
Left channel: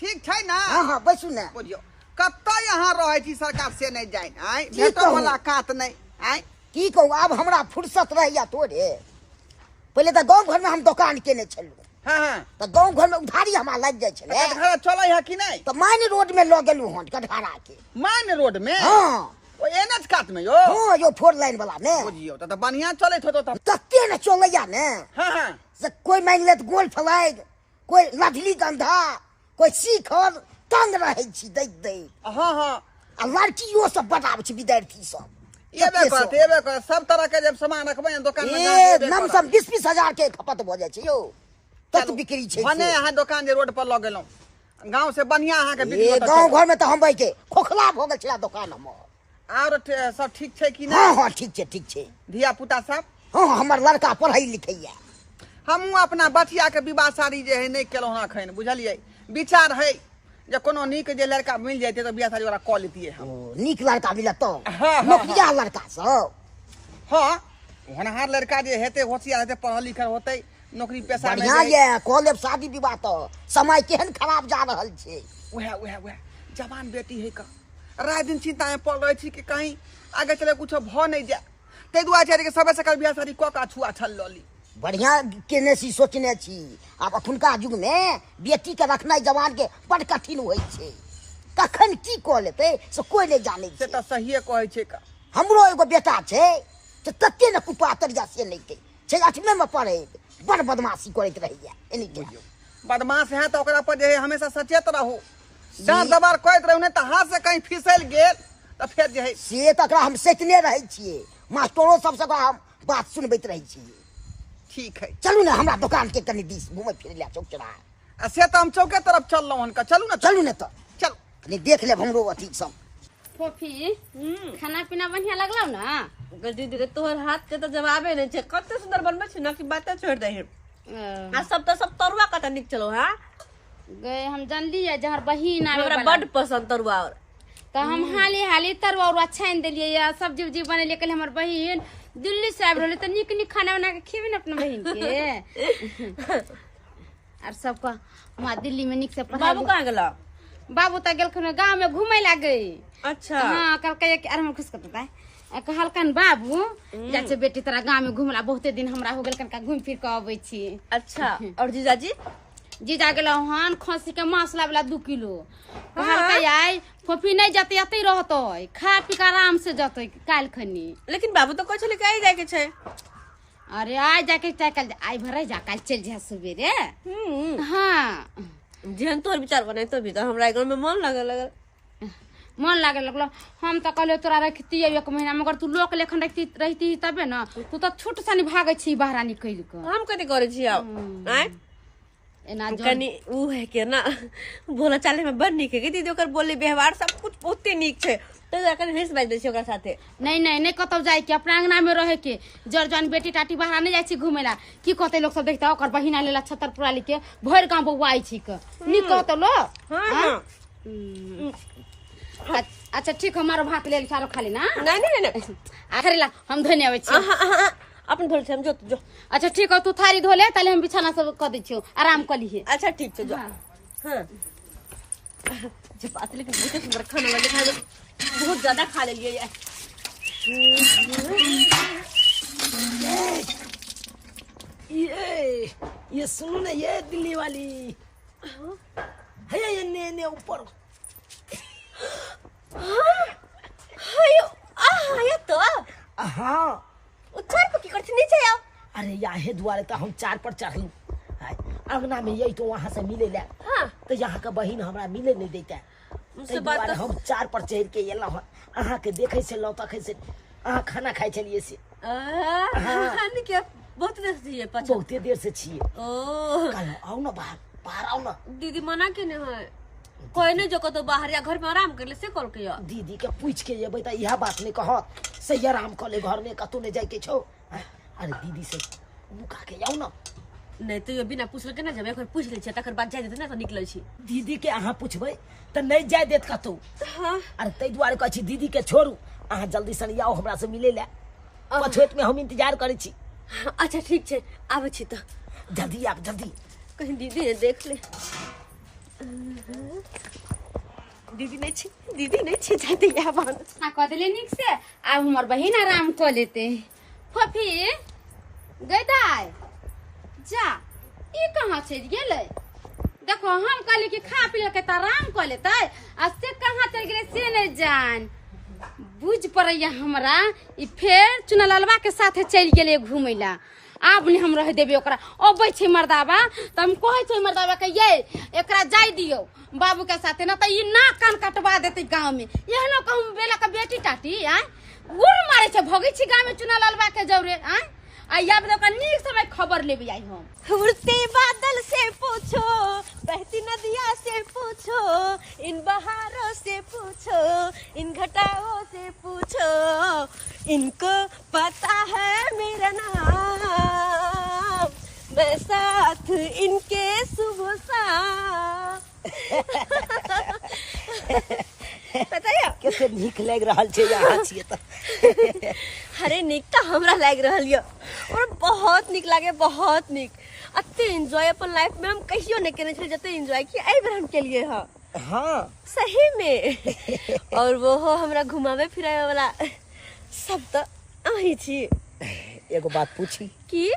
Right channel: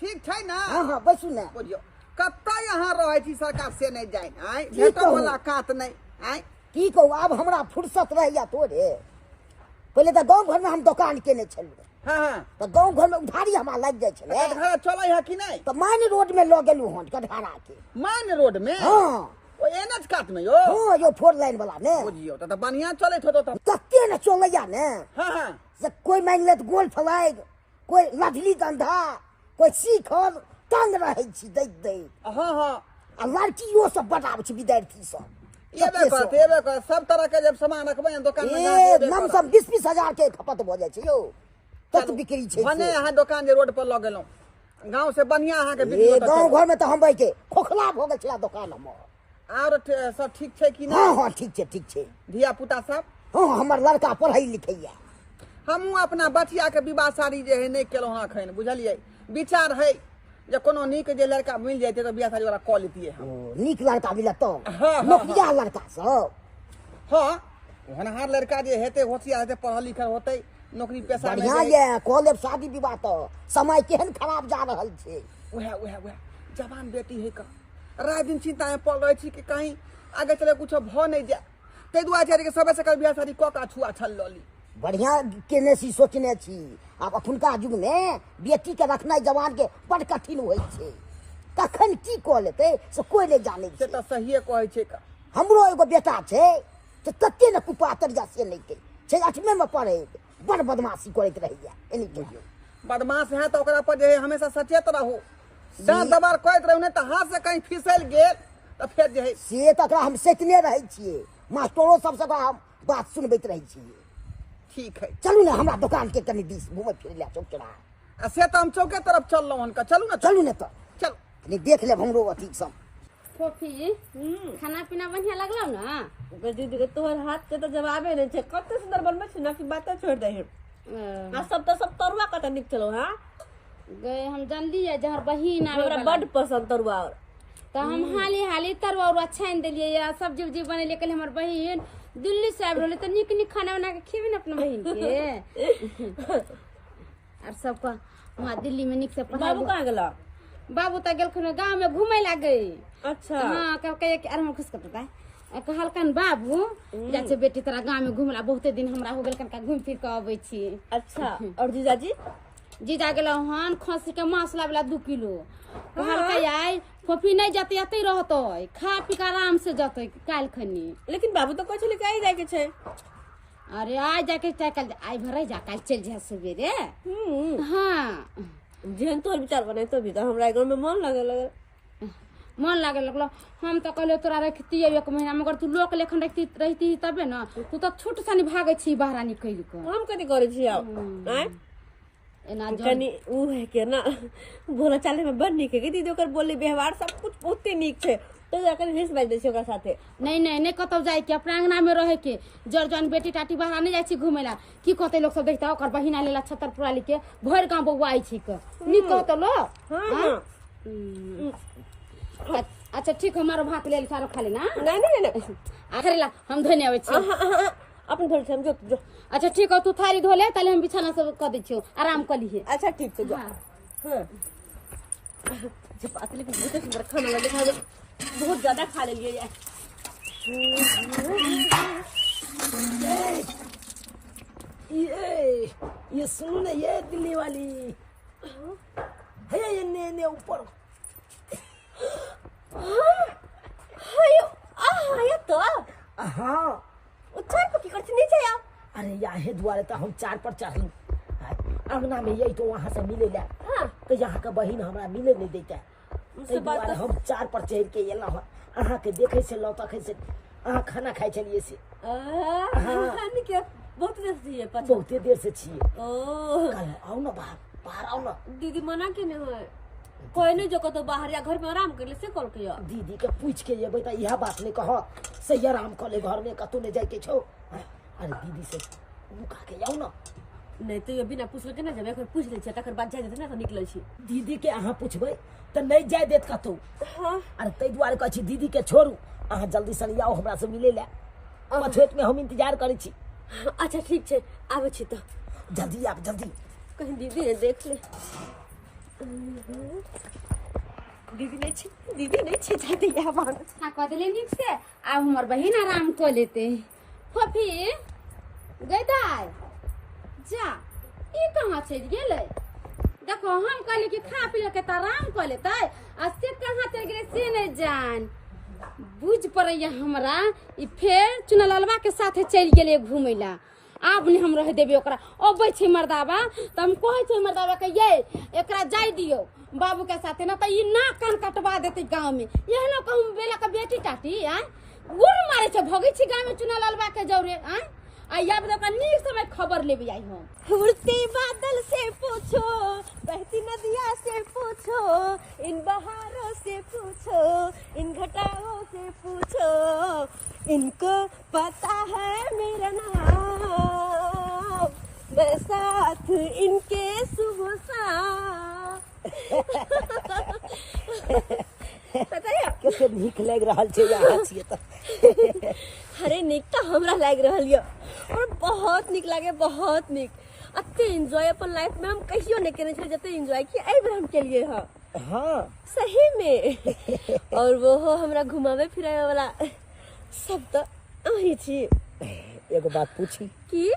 ठीक छै ना हां बैसू ना बुझियो कत्ता यहाँ रहे छी सरकार से नहीं जाय आय की भेटो कहू? वाला कात नहीं आय की कहू अब हमरा फुर्सत रहैया तोरे पहले तो गांव घर में हम दुकान केने छलू हां तो गांव घर में उधारी हमरा लग जाय छले घर चलै है कि नहीं तो मान रोड में ल गेलू हन कटघरा के मान रोड में हां ओ एनएच कात में यो हां यो 4 लाइन वाला में बुझियो त बढ़िया चलैत होतो त तत्ते न चलैया ने हां से कोई मान लेत गोल फ्लाइट कोई लधली गंधा कोई शिखर तंग रहे छी दैत हां आ लड़कियों सब बताबै छी विद्यार्थी सब एबे कर सब तरह के जब सामान रखबै न दुकान में ए नम सब 20-20 हजार के खपत भ जाय छै यो तत बिक्री छै भने यहाँ दुकान जे रोड पर लग गेलौ गांव से बढ़िया अहाँ के बिक्री ए होता गांव घर में तो हम के खोखला भ गेल छला दुकान में और सब ठीक छै कि हां नहीं हां ठीक छै धिया पुता सब हां हमर लड़का पढ़ै लिखैया हमहू अपना बचिया के विवाह शादी जे है नहीं केलौ हन अखन बुझलिए विचार है जे कोनो नीक जे लड़का मिल जाते तो बियाह शादी वाला क लेतिए हम नीक लड़का मिलत तो हाँ, नौकरिया लड़का सब हां होनहार लड़का जे हेते होशियार हेते पढ़ल लिखल होते नौकरी पेशा में बढ़िया ये कॉलेज शादी विवाह तो समय केहन खराब जा रहल छै वह जवान बेटी है का रात दिन चिंता में पड़ रही छी कि कहीं आगे चले कुछ भ नहीं जाए तै दुआरे के सबे से बियाह शादी क का छुआ छल लली बढ़िया केने छी सोचने छी अब अखुनका युग में बेटी के रखनाइ जवान के बड़ कठिन होइ छै कखन की कऽ लेतै से कोई नहि जानै से छै। तऽ सहिए कहै छै का। हमरो एगो बेटा छै से तते ने कुपातरिया से नहि छै 8वीं में पढ़ैत बड़ बदमाशी करैत रहैया एनी टाइम। बदमाश है तो ओकरा पर जे है हमेशा सचेत रहू। डांट दबार करैत रहू नहीं तो हाथ से कहीं फिसल गेल तो फिर जे है से तऽ एकरा हम सैतने रहै छियै, मास्टरो सबसे ओकरा हम बात सुनबैत रहै छियै। ठीक है। चलू ने हमरा दुकान के कनि दिस घूमे फिरे ले चौक चौराहा। आ से तो हम चौके तरफ चललहुँ हन का। चलू ना चलू ने तऽ चल। कनि देख लेब हमरो अथी सब। फोफी खाना पीना बढ़िया लगलौ ना? दीदी के तोहर हाथ के तो जवाबे नहीं छे। कते सुंदर बनबे छे ना कि बातें छोड़ दे है। आ सब तरुआ कते निक चलो। हां गए हम जानली है जहर बहिन आवे हमरा वाला बड़ पसंद तरुआ। और तो हम हाली हाली तरुआ और छान देलिए या सब्जी उब्जी बनेलिए। कल हमर बहिन दिल्ली से आबि रहले त निक निक खाना बना के खिबे न अपना बहिन के। और सबका वहाँ दिल्ली में निक से बाबू कहाँ गेला? बाबू त गेलखन गांव में घूमे लागे। अच्छा हाँ कल कहे कि अरे हम खुश करता है कहलकन बाबू जा छे बेटी तोरा गांव में घुमला बहुते दिन हमरा हो गेल कनका घूम फिर के आबै छी। अच्छा और जीजाजी? जीजा गेल हन खसी के मांस लाबला 2 किलो। कहलकै आई फोफी नहीं जाते अतै रहतै खा पी के आराम से जतै काल खनी। लेकिन बाबू तो कहले कि आई जाए के छे। अरे आज जाके कल आई भरे जा कल चल जा सवेरे। हाँ जेहन तोहर विचार बने तो भी तो हमरा घर में मन लगल मन लागे लगलो। हम तो कहले तोरा रखती 1 महीना मगर तू लोक लेखन रहती तबे ना। तू तो छूट सानी भागे छी बाहर निकल के। हम कथी करे छी अब आय एना कनी उ है के ना बोला चाले में बड़ निक है कि दीदी ओकर बोले व्यवहार सब कुछ बहुते निक छे। तो कनी हंस बाज दे छी ओकरा साथे। नहीं कतौ जाए के अपना अंगना में रहे के। जरजन बेटी टाटी बाहर नहीं जाए छी घुमेला की कहते लोग सब देखता ओकर बहिना लेला छतरपुरा ली के भर गांव बउआ आई छी के नी कहतो लो। हां अच्छा ठीक हमारो भात ले सारो खाली ना। नहीं आखिर ला हम धोने आवे छी। अपन धोल से हम जो। अच्छा ठीक है तू थारी धो ले ताले हम बिछाना सब क दै छियो आराम क लीहे। अच्छा ठीक छे जो। हां जे बात लेकिन बहुत सुंदर खाना लगे खा बहुत ज्यादा खा ले लिए यार। ये सुनो ना ये दिल्ली वाली है ये ने ऊपर। हायो ये तो हाँ उछार पर की करछ नीचे आओ। अरे यहाँ द्वारे तो हम 4 पर चढ़लू अंगना में यही तो वहाँ से मिले ला। हाँ तो यहाँ का बहिन हमरा मिले नहीं देता। उससे बात तो हम 4 पर चढ़ के एला अहाँ के देखे से लौटा से अहाँ खाना खाए चलिए से। हां के बहुत देर से पछ बहुते देर से छिए। ओ कल आओ ना बाहर आओ ना। दीदी मना के न है कोई नहीं जो तो बाहर या घर में आराम कर ले से कॉल के दीदी के पूछ के जेबै त यह बात नहीं कह सही आराम कर ले घर में कतौ नहीं जाए के छौ। अरे दीदी से मुका के जाओ ना। नहीं तो ये बिना पूछल के ना जब एक बार पूछ ले छ तकर बाद जाय देते ना तो निकलै छी। दीदी के अहाँ पूछबै त नहीं जाय देत कतौ। हां अरे तै दुआरे कहै छी दीदी के छोड़ू अहाँ जल्दी से आओ हमरा से मिले ले। पछोट में हम इंतजार करै छी। अच्छा ठीक छे आबै छी त जल्दी आप जल्दी। कहीं दीदी ने देख ले। दीदी नहीं छे जाते या बाहर ना कह देले निक से अब हमर बहिन आराम क लेते। फोफी गैदाय जा ई कहां चल गेलै? देखो हम कहले कि खा पी के त आराम क लेते आ से कहां चल गेलै से नहीं जान। बुझ पड़ैया हमरा ई फेर चुनलालवा के साथे चल गेलै घुमैला। आब नहीं हम रह देबे ओकरा अबै छै मर्दावा त हम कहै छै मर्दावा के ये एकरा जाय दियो बाबू के साथे ना त ई नाक कान कटवा देते गांव में। एहनो कहूं बेला के बेटी टाटी आय गुड़ मारे छै भगै छी गांव में चुनलालवा के जौरे आय आ याब दे का नीक समय खबर लेबे आई हम। उड़ते बादल से पूछो बहती नदियाँ से पूछो इन बहारों से पूछो इन घटाओं से पूछो इनको पता है मेरा नाम मैं साथ इनके सुबह शाम। पता है केते नीक लाग रहल छै यहाँ छिए त। अरे निक तो हमरा लाग रहल य और बहुत निक लागे बहुत निक। अते एंजॉय अपन लाइफ में हम कहियो नहीं करने छले जते एंजॉय किया एहि बेर हम के लिए ह। हाँ सही में और वो हो हमरा घुमावे फिरावे वाला सब तो अही छी। एगो बात पूछी की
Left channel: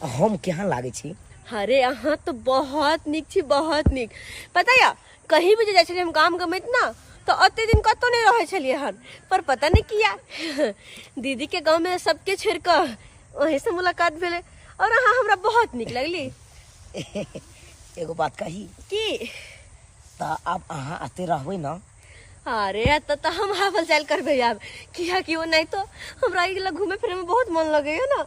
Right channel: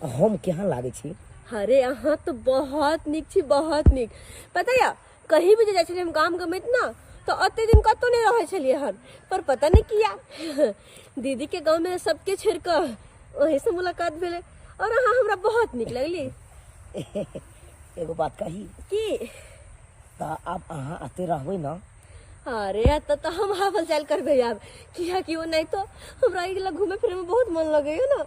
हम केहन लागे छी? अरे अहाँ तो बहुत निक छी बहुत निक। पता या कहीं भी जाए छलिए हम काम गमैत ना तो अते दिन कतो नहीं रहे छलिए हन, पर पता नहीं किया दीदी के गांव में सबके छोड़ कर वहीं से मुलाकात भेले और हाँ हमरा बहुत निक लगली। एगो बात कही की तो अब अहाँ आते रहबै ना? अरे तो हम हावल चाल करबे अब किया कि वो नहीं तो हमरा इगला घूमे फिरे में बहुत मन लगे है ना।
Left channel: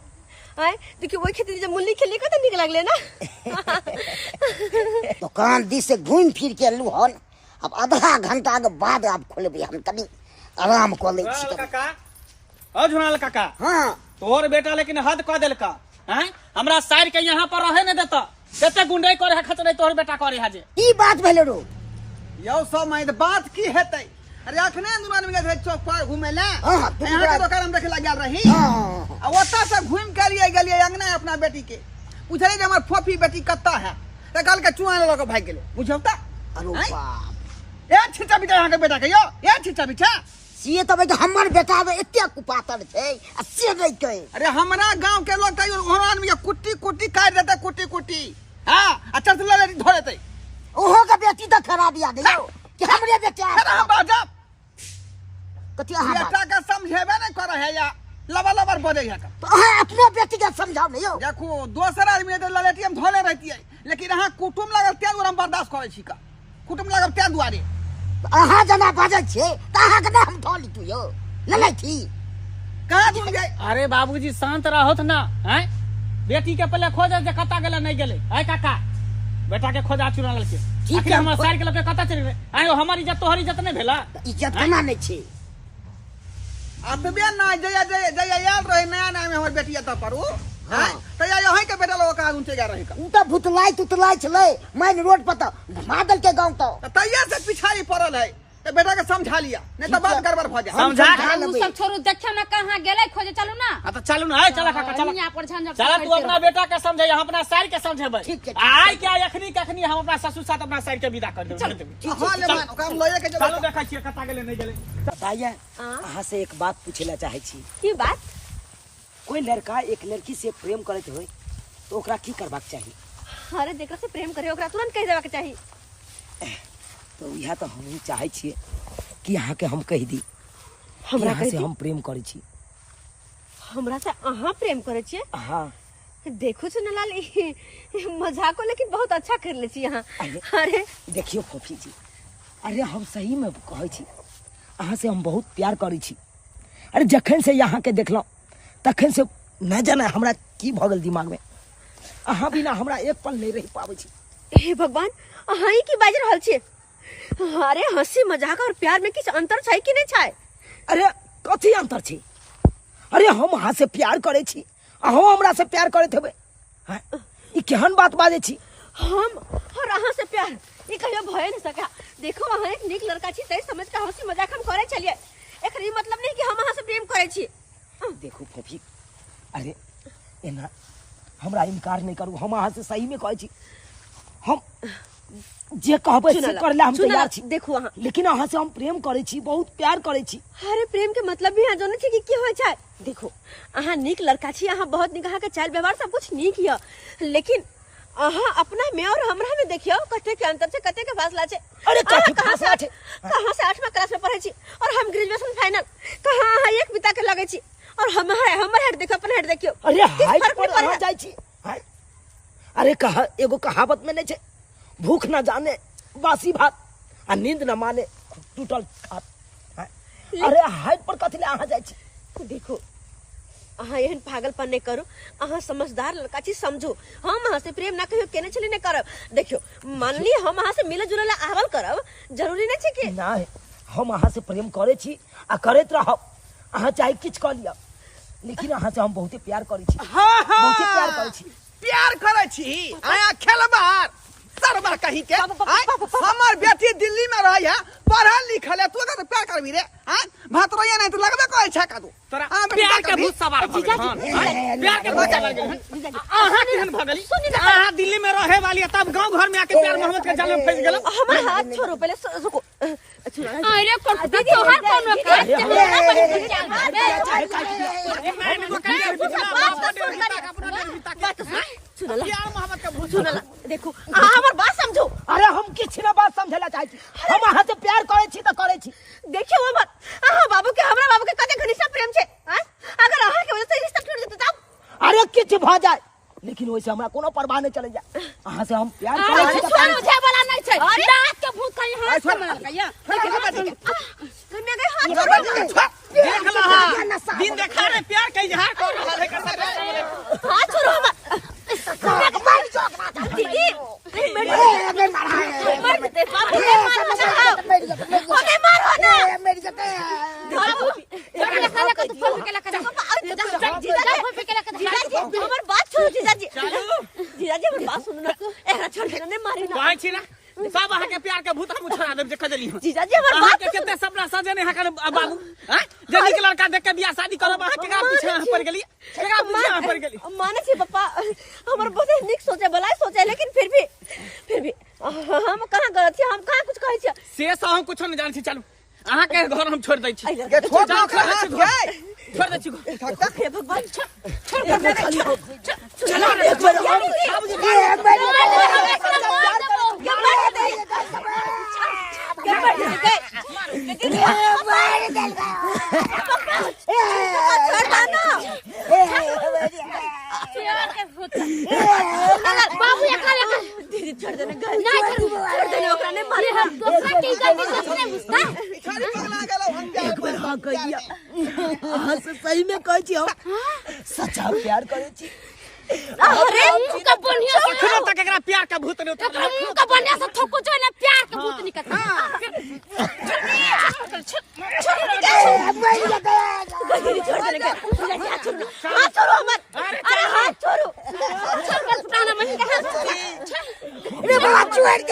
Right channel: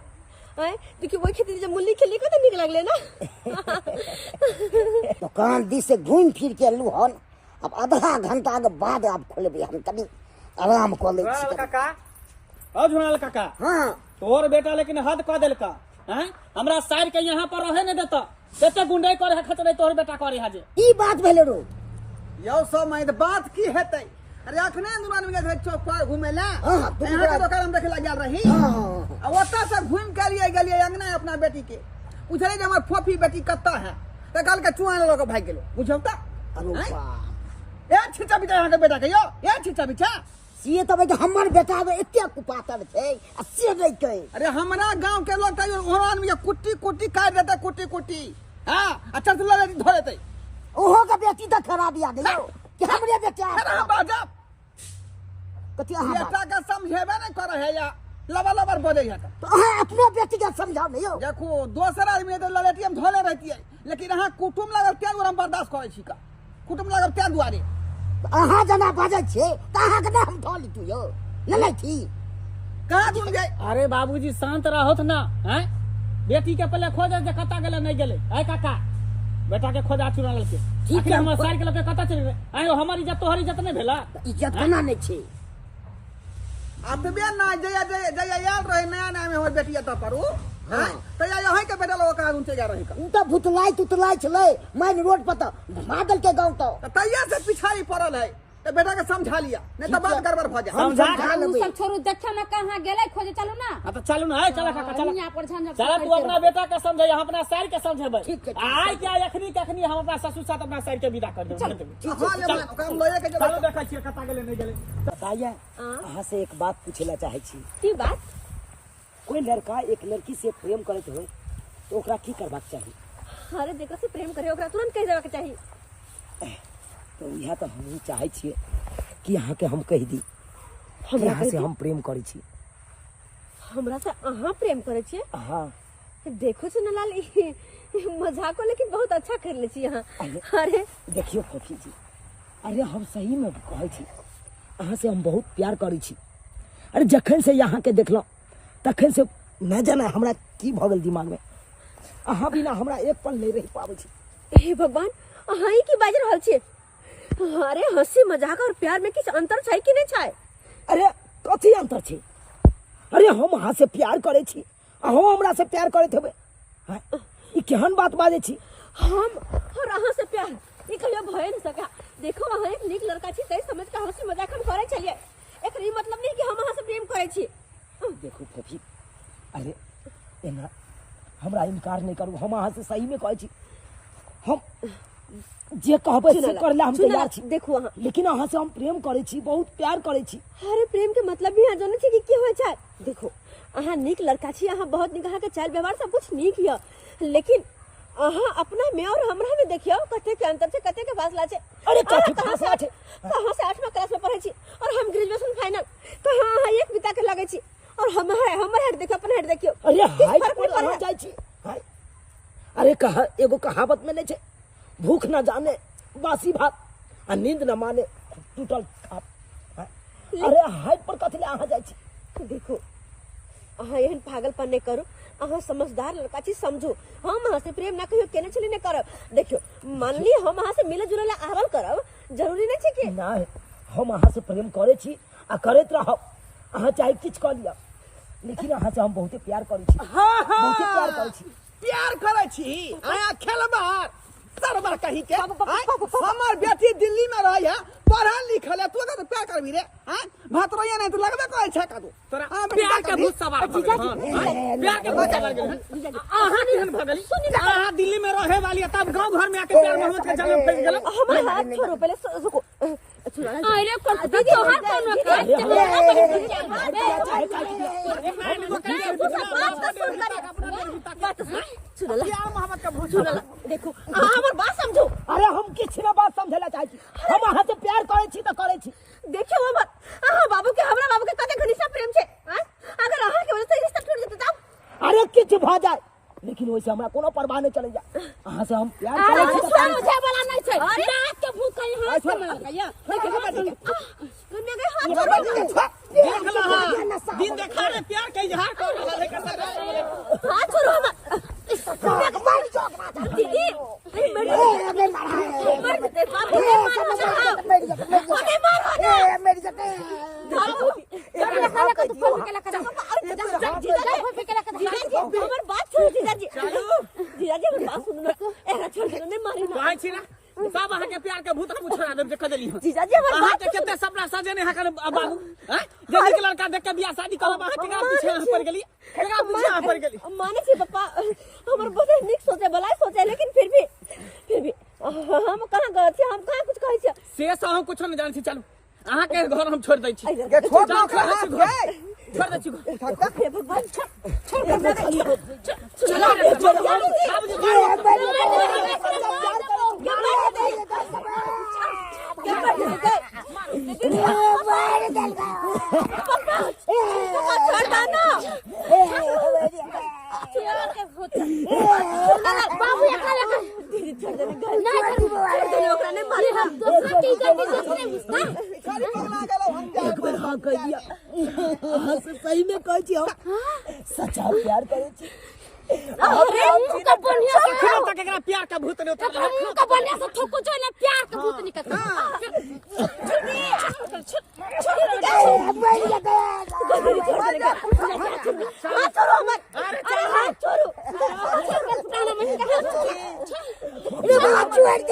आए देखिए वही खेती जब मुल्ली खेली का तो निक लगले ना। दुकान दी से घूम फिर के लू हन, अब आधा घंटा के बाद आप खोलबे, हम तनी आराम कर ले छी। काका ओ झुनाल काका, हां तोहर बेटा लेकिन हद कह देलका हैं, हमरा साइड के यहाँ पर रहे नहीं देता, देते गुंडे करे खतरे तोहर बेटा करे हाजे। ई बात भेले रो यो सब मैं बात की हेतै? अरे अखने दुकान में गए चौक पर घूमे ला, हां तू यहाँ के दुकान में देखे लग गेल रही। हां आ ओता से घूम के लिए गेलिए अंगना अपना बेटी के, पूछले जे हमर फोफी बेटी कत्ता है, त कल के चुआ लग के भाग गेलो, बुझौ त? अरे हैं? बाप ए छिचा बिचा यहाँ के बेटा के यो, ए छिचा बिचा। से तबे के हमर बेटा बे एते कुपातर छै आ से नहीं कहे। अरे हमरा गांव के लोग तैयो ओहन में कुट्टी कुट्टी काट देते, कुट्टी कुट्टी हां अच्छा से ले धो देते। ओहो का बेटी तो खराब याद है कि हमरे बेटा अरे हम बाजा कति हां बेटा का समझेबे नहीं करे है या लबा लबर बोले है का। तो हां अपने बेटी का समझाओ नहीं हो। देखो दोसर आदमी तो ललेटी हम धोले रहती है, लेकिन अहाँ कुटुम लागल त्या दुआरे हम बर्दाश्त करे छी का, कुटुम लागल त्या दुआरे। अहाँ जना बाजै छे त अहाँ के हम धो ली तू यो ले थी कहां घूम गए? अरे बाबूजी शांत रहोत ना, हैं बेटी के पहले खोज जे कता गेले नहीं गेले। है काका बेटा के खोजा चुराल के ठीक है, हमर साइड के लोग के कता चल गए। आयो हमारी इज्जत तोहर इज्जत नहीं भेला? इज्जत केना नहीं छे? अतबे ना जया जया जया याद रहे नया नया में हमर बेटी त परू हाँ। हां त या यही के बेटा लोग का उनसे जा रहे का। उ त भुतलाई तुतलाई छले मैन रोड पर त मादल के गांव तो त तैया से पिछाड़ी पड़ल है, तो बेटा के समझा लिया, नहीं तो बात गड़बड़ भ जाए। समझा समझा उ लेबै। सब छोड़ू, देखे में कहाँ गेले खोजे, चलू ना। हां तो चलू ना, है चला काका चला यहाँ पर झंझट चला, तू अपना बेटा के समझे, हम अपना साइड के समझेबै। ठीक है, ठीक आय क्या यखनी कखनी हम अपना ससुर साथ अपना साइड के विदा कर देबै। हां ले मान ओकरा हम लए के चलो चलो। देखा छियै कता गेले नहीं गेले। बताइए अहाँ से एक बात पूछेला चाहे छी। की बात? कोई लड़का एक लड़की से प्रेम करत होय तो ओकरा की करबाक चाहिए? अरे जेकरा से प्रेम करे ओकरा तुरंत कह देबा के चाहिए। तो यह तो हम चाहे छिए कि अहाँ के हम कह दी हमरा हमरा से कह दी? हम प्रेम करै छी। हमरा से अहाँ प्रेम करे छिए? हाँ देखो सुनलाल मजाको लेकिन बहुत अच्छा कर ले छी यहाँ। अरे। अरे देखियो फोफी जी, अरे हम सही में कहै छी अहाँ से हम बहुत प्यार करै छी। अरे जखन से यहाँ के देखलहुँ तखन से न जाने हमरा की भऽ गेल दिमाग में, अहाँ बिना हमरा एक पल नहीं रह पाबै छी। हे भगवान, अहाँ ही की बाज रहल छिए? अरे हंसी मजाक और प्यार में किछ अंतर छै कि नहीं छै? अरे कथी अंतर छै? अरे हम अहाँ से प्यार करै छी, अहूँ हमरा से प्यार करैत हेबै। हैं? ई केहन बात बाजै छी? हम और अहाँ से प्यार ये कहियो भय नहीं सका। देखो अहाँ एक नीक लड़का छी तै समझ के हंसी मजाक हम करे छलिए, एकर ई मतलब नहीं कि हम अहाँ से प्रेम करे छी। देखो फोफी, अरे एना हमरा इनकार नहीं करू, हम अहाँ से सही में कहै छी, हम जे कहबै से करे ला हम तैयार छी। देखो अहाँ, लेकिन अहाँ से हम प्रेम करै छी, बहुत प्यार करै छी। अरे प्रेम के मतलब भी यहाँ जाने छी कि की होय छै। देखो अहाँ नीक लड़का छी, अहाँ बहुत नीक, अहाँ के चाल व्यवहार सब कुछ नीक य, लेकिन अहाँ अपना में और हमरा में देखियो कते के अंतर छै, कते के फासला छै। अरे अहाँ कथी कहाँ फासला छै? कहाँ से 8वां क्लास में पढ़ै छी और हम ग्रेजुएशन फाइनल, कहाँ अहाँ एक बिता के लगे छी और हमर हेड देखो, अपन हेड देखियो। अरे किस हाइट फर्क पर नहीं अहाँ पड़े? जाइ छी। हाय, अरे कहा एगो कहावत में नहीं छै, भूख न जाने बासी भात आ नींद न माने टूटल खाट। हाय, अरे हाइट पर कथी ले अहाँ जाइ छी? देखो अहाँ एहन पागलपन नहीं करो, अहाँ समझदार लड़का छी, समझो हम अहाँ से प्रेम ना कहियो केने छली नहीं करब। देखियो मान ली हम अहाँ से मिले जुले ला आवल करब, जरूरी नहीं छै कि नहीं, हम अहाँ से प्रेम करे छी आ करैत रहब, अहाँ चाहे किछ कऽ लिअ, लेकिन अहाँ से हम बहुते प्यार करै छी। हाँ बहुते प्यार करै छी। प्यार करे छी आया खेलबार सरबर कहीं के। हमर बेटी दिल्ली में रही है, पढ़ल लिखल है, तू अगर प्यार करबी रे हां भातरोया नहीं तो लगबे करे छै का तू तोरा हाँ, प्यार के करबी। भूत सवार भ गेल हन, हैं? प्यार के भूत सवार गेल हन। अहाँ केहन भ गेली? अहाँ दिल्ली में रहे वाली है, तब गांव घर में आके प्यार मोहब्बत के जाल में फंस गेल। हमार हाथ छोड़ो पहले, रुको। अरे कौन तोहार कोनो काज अरे, चलेला बड़ी क्या बात सुनला प्यार मोहब्बत का भूत सुनला। देखो अहाँ हमर बात समझो। अरे हम किछ ना बात समझेला चाहे छी, भ जाए लेकिन वैसे हमरा कोनो परवाह नहीं चले जाए अहाँ से हम प्यार अरे करै छी त छोड़ मुझे वाला नहीं छै रात के भूख कहीं हाथ से मार गया कन्या के हाथ छोड़ देख लहा दिन देखा रे प्यार कई जहां कर रहा है कर हाथ छोड़ो मत कन्या के मार दीदी मर दे बाप रे मारो ना मेरी जते हमर बात छोड़ो जीजाजी जीजाजी हमर बात सुनो ना एकरा छोड़ के नहीं मारी ना कहै छी ना सब अहाँ के प्यार के भूत हम छोड़ा देब जे कह देली जीजाजी हमर अहाँ बात के केते सपना सजेने है कर बाबू हैं जे निक लड़का देख के बियाह शादी करब अहाँ केकरा पीछे अहाँ पड़ गेली केकरा पीछे अहाँ पड़ गेली माने छी पापा हमर बहुत निक सोचे भलाई सोचे लेकिन फिर भी हम कहां गलत छी हम कहां कुछ कहै छी से सब हम कुछ नहीं जान छी चलू अहाँ के घर हम छोड़ दै छी के छोड़ जाओ दो छोड़ दै छी घर छोड़ दै छी घर हे भगवान बाबू एकरा दीदी छोड़ देने छोड़ देने ओकरा नहीं मारे हम दूसरा की गलती दूसरे बुझता खाली पगला गेलो हम एक बार हाँ कह दिया अहाँ से सही में कह छी हम सच्चा प्यार करे छी अरे का बढ़िया से अखनो तक एकरा प्यार का भूत नहीं उतर का बढ़िया से थको जो ना प्यार के भूत निकल दीदी छोड़ देने का हाथ छोड़ो मत अरे हाथ छोड़ो पुराना मन रे बाबा छोड़ दी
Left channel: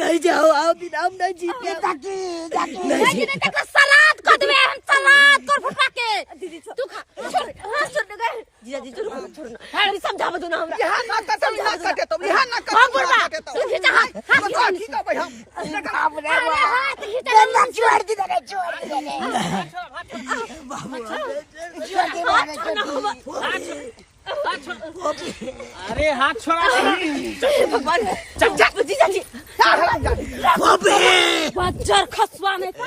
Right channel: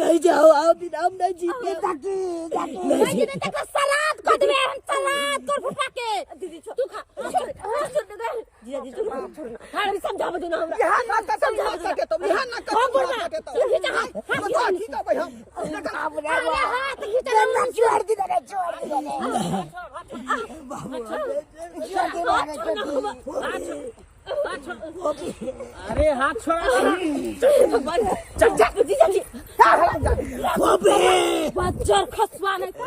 नहीं जाओ आओ बिना हम नहीं जीते नहीं दे तक सलाद कर देबे हम सलाद तोर फुफा के दीदी तू खा हाथ छोड़ दे जीजाजी छोड़ो अरे समझा दो ना हमरा यहाँ ना कटे तो यहाँ ना कटे तो तू खींच हाथ बता ठीक है भाई हम अरे हाथ खींच छोड़ दी रे अरे हाथ छोड़ा भगवान जीजाजी बज्जर खसवा नहीं था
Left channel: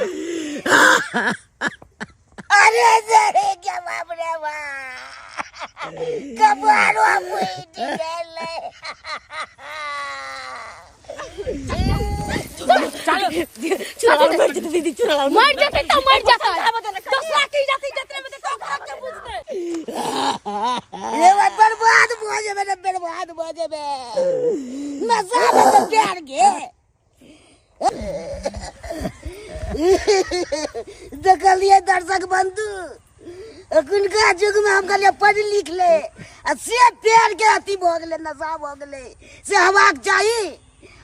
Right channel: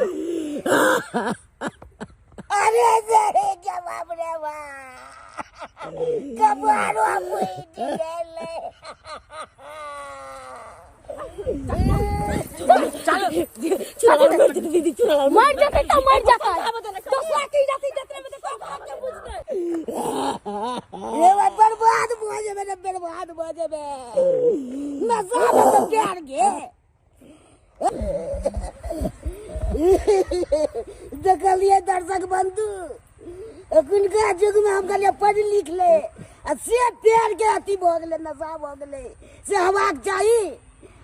अरे जरे क्या बाप रे वाह कबारो कोई निकले चुरा मर जाते दीदी चुरा मर जाते तो मर जाता दूसरा की जाती जतने में तो भाग के पूछते ये बात बर्बाद हो जाए रे बर्बाद हो जाए मजा में प्यार के देखलिए दर्शक बंधु अखुनका युग में हम कहलिए पढ़ लिख ले आ से प्यार के अति भ गेले नशा भ गेले से हवाक चाहिए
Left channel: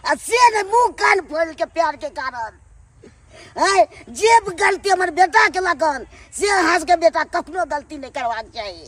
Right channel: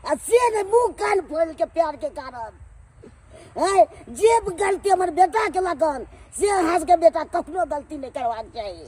आ से ने मुंह कान फोड़ के प्यार के कारण है जे गलती हमर बेटा के लगन से हंस के बेटा कखनो गलती नहीं करवाक चाहिए।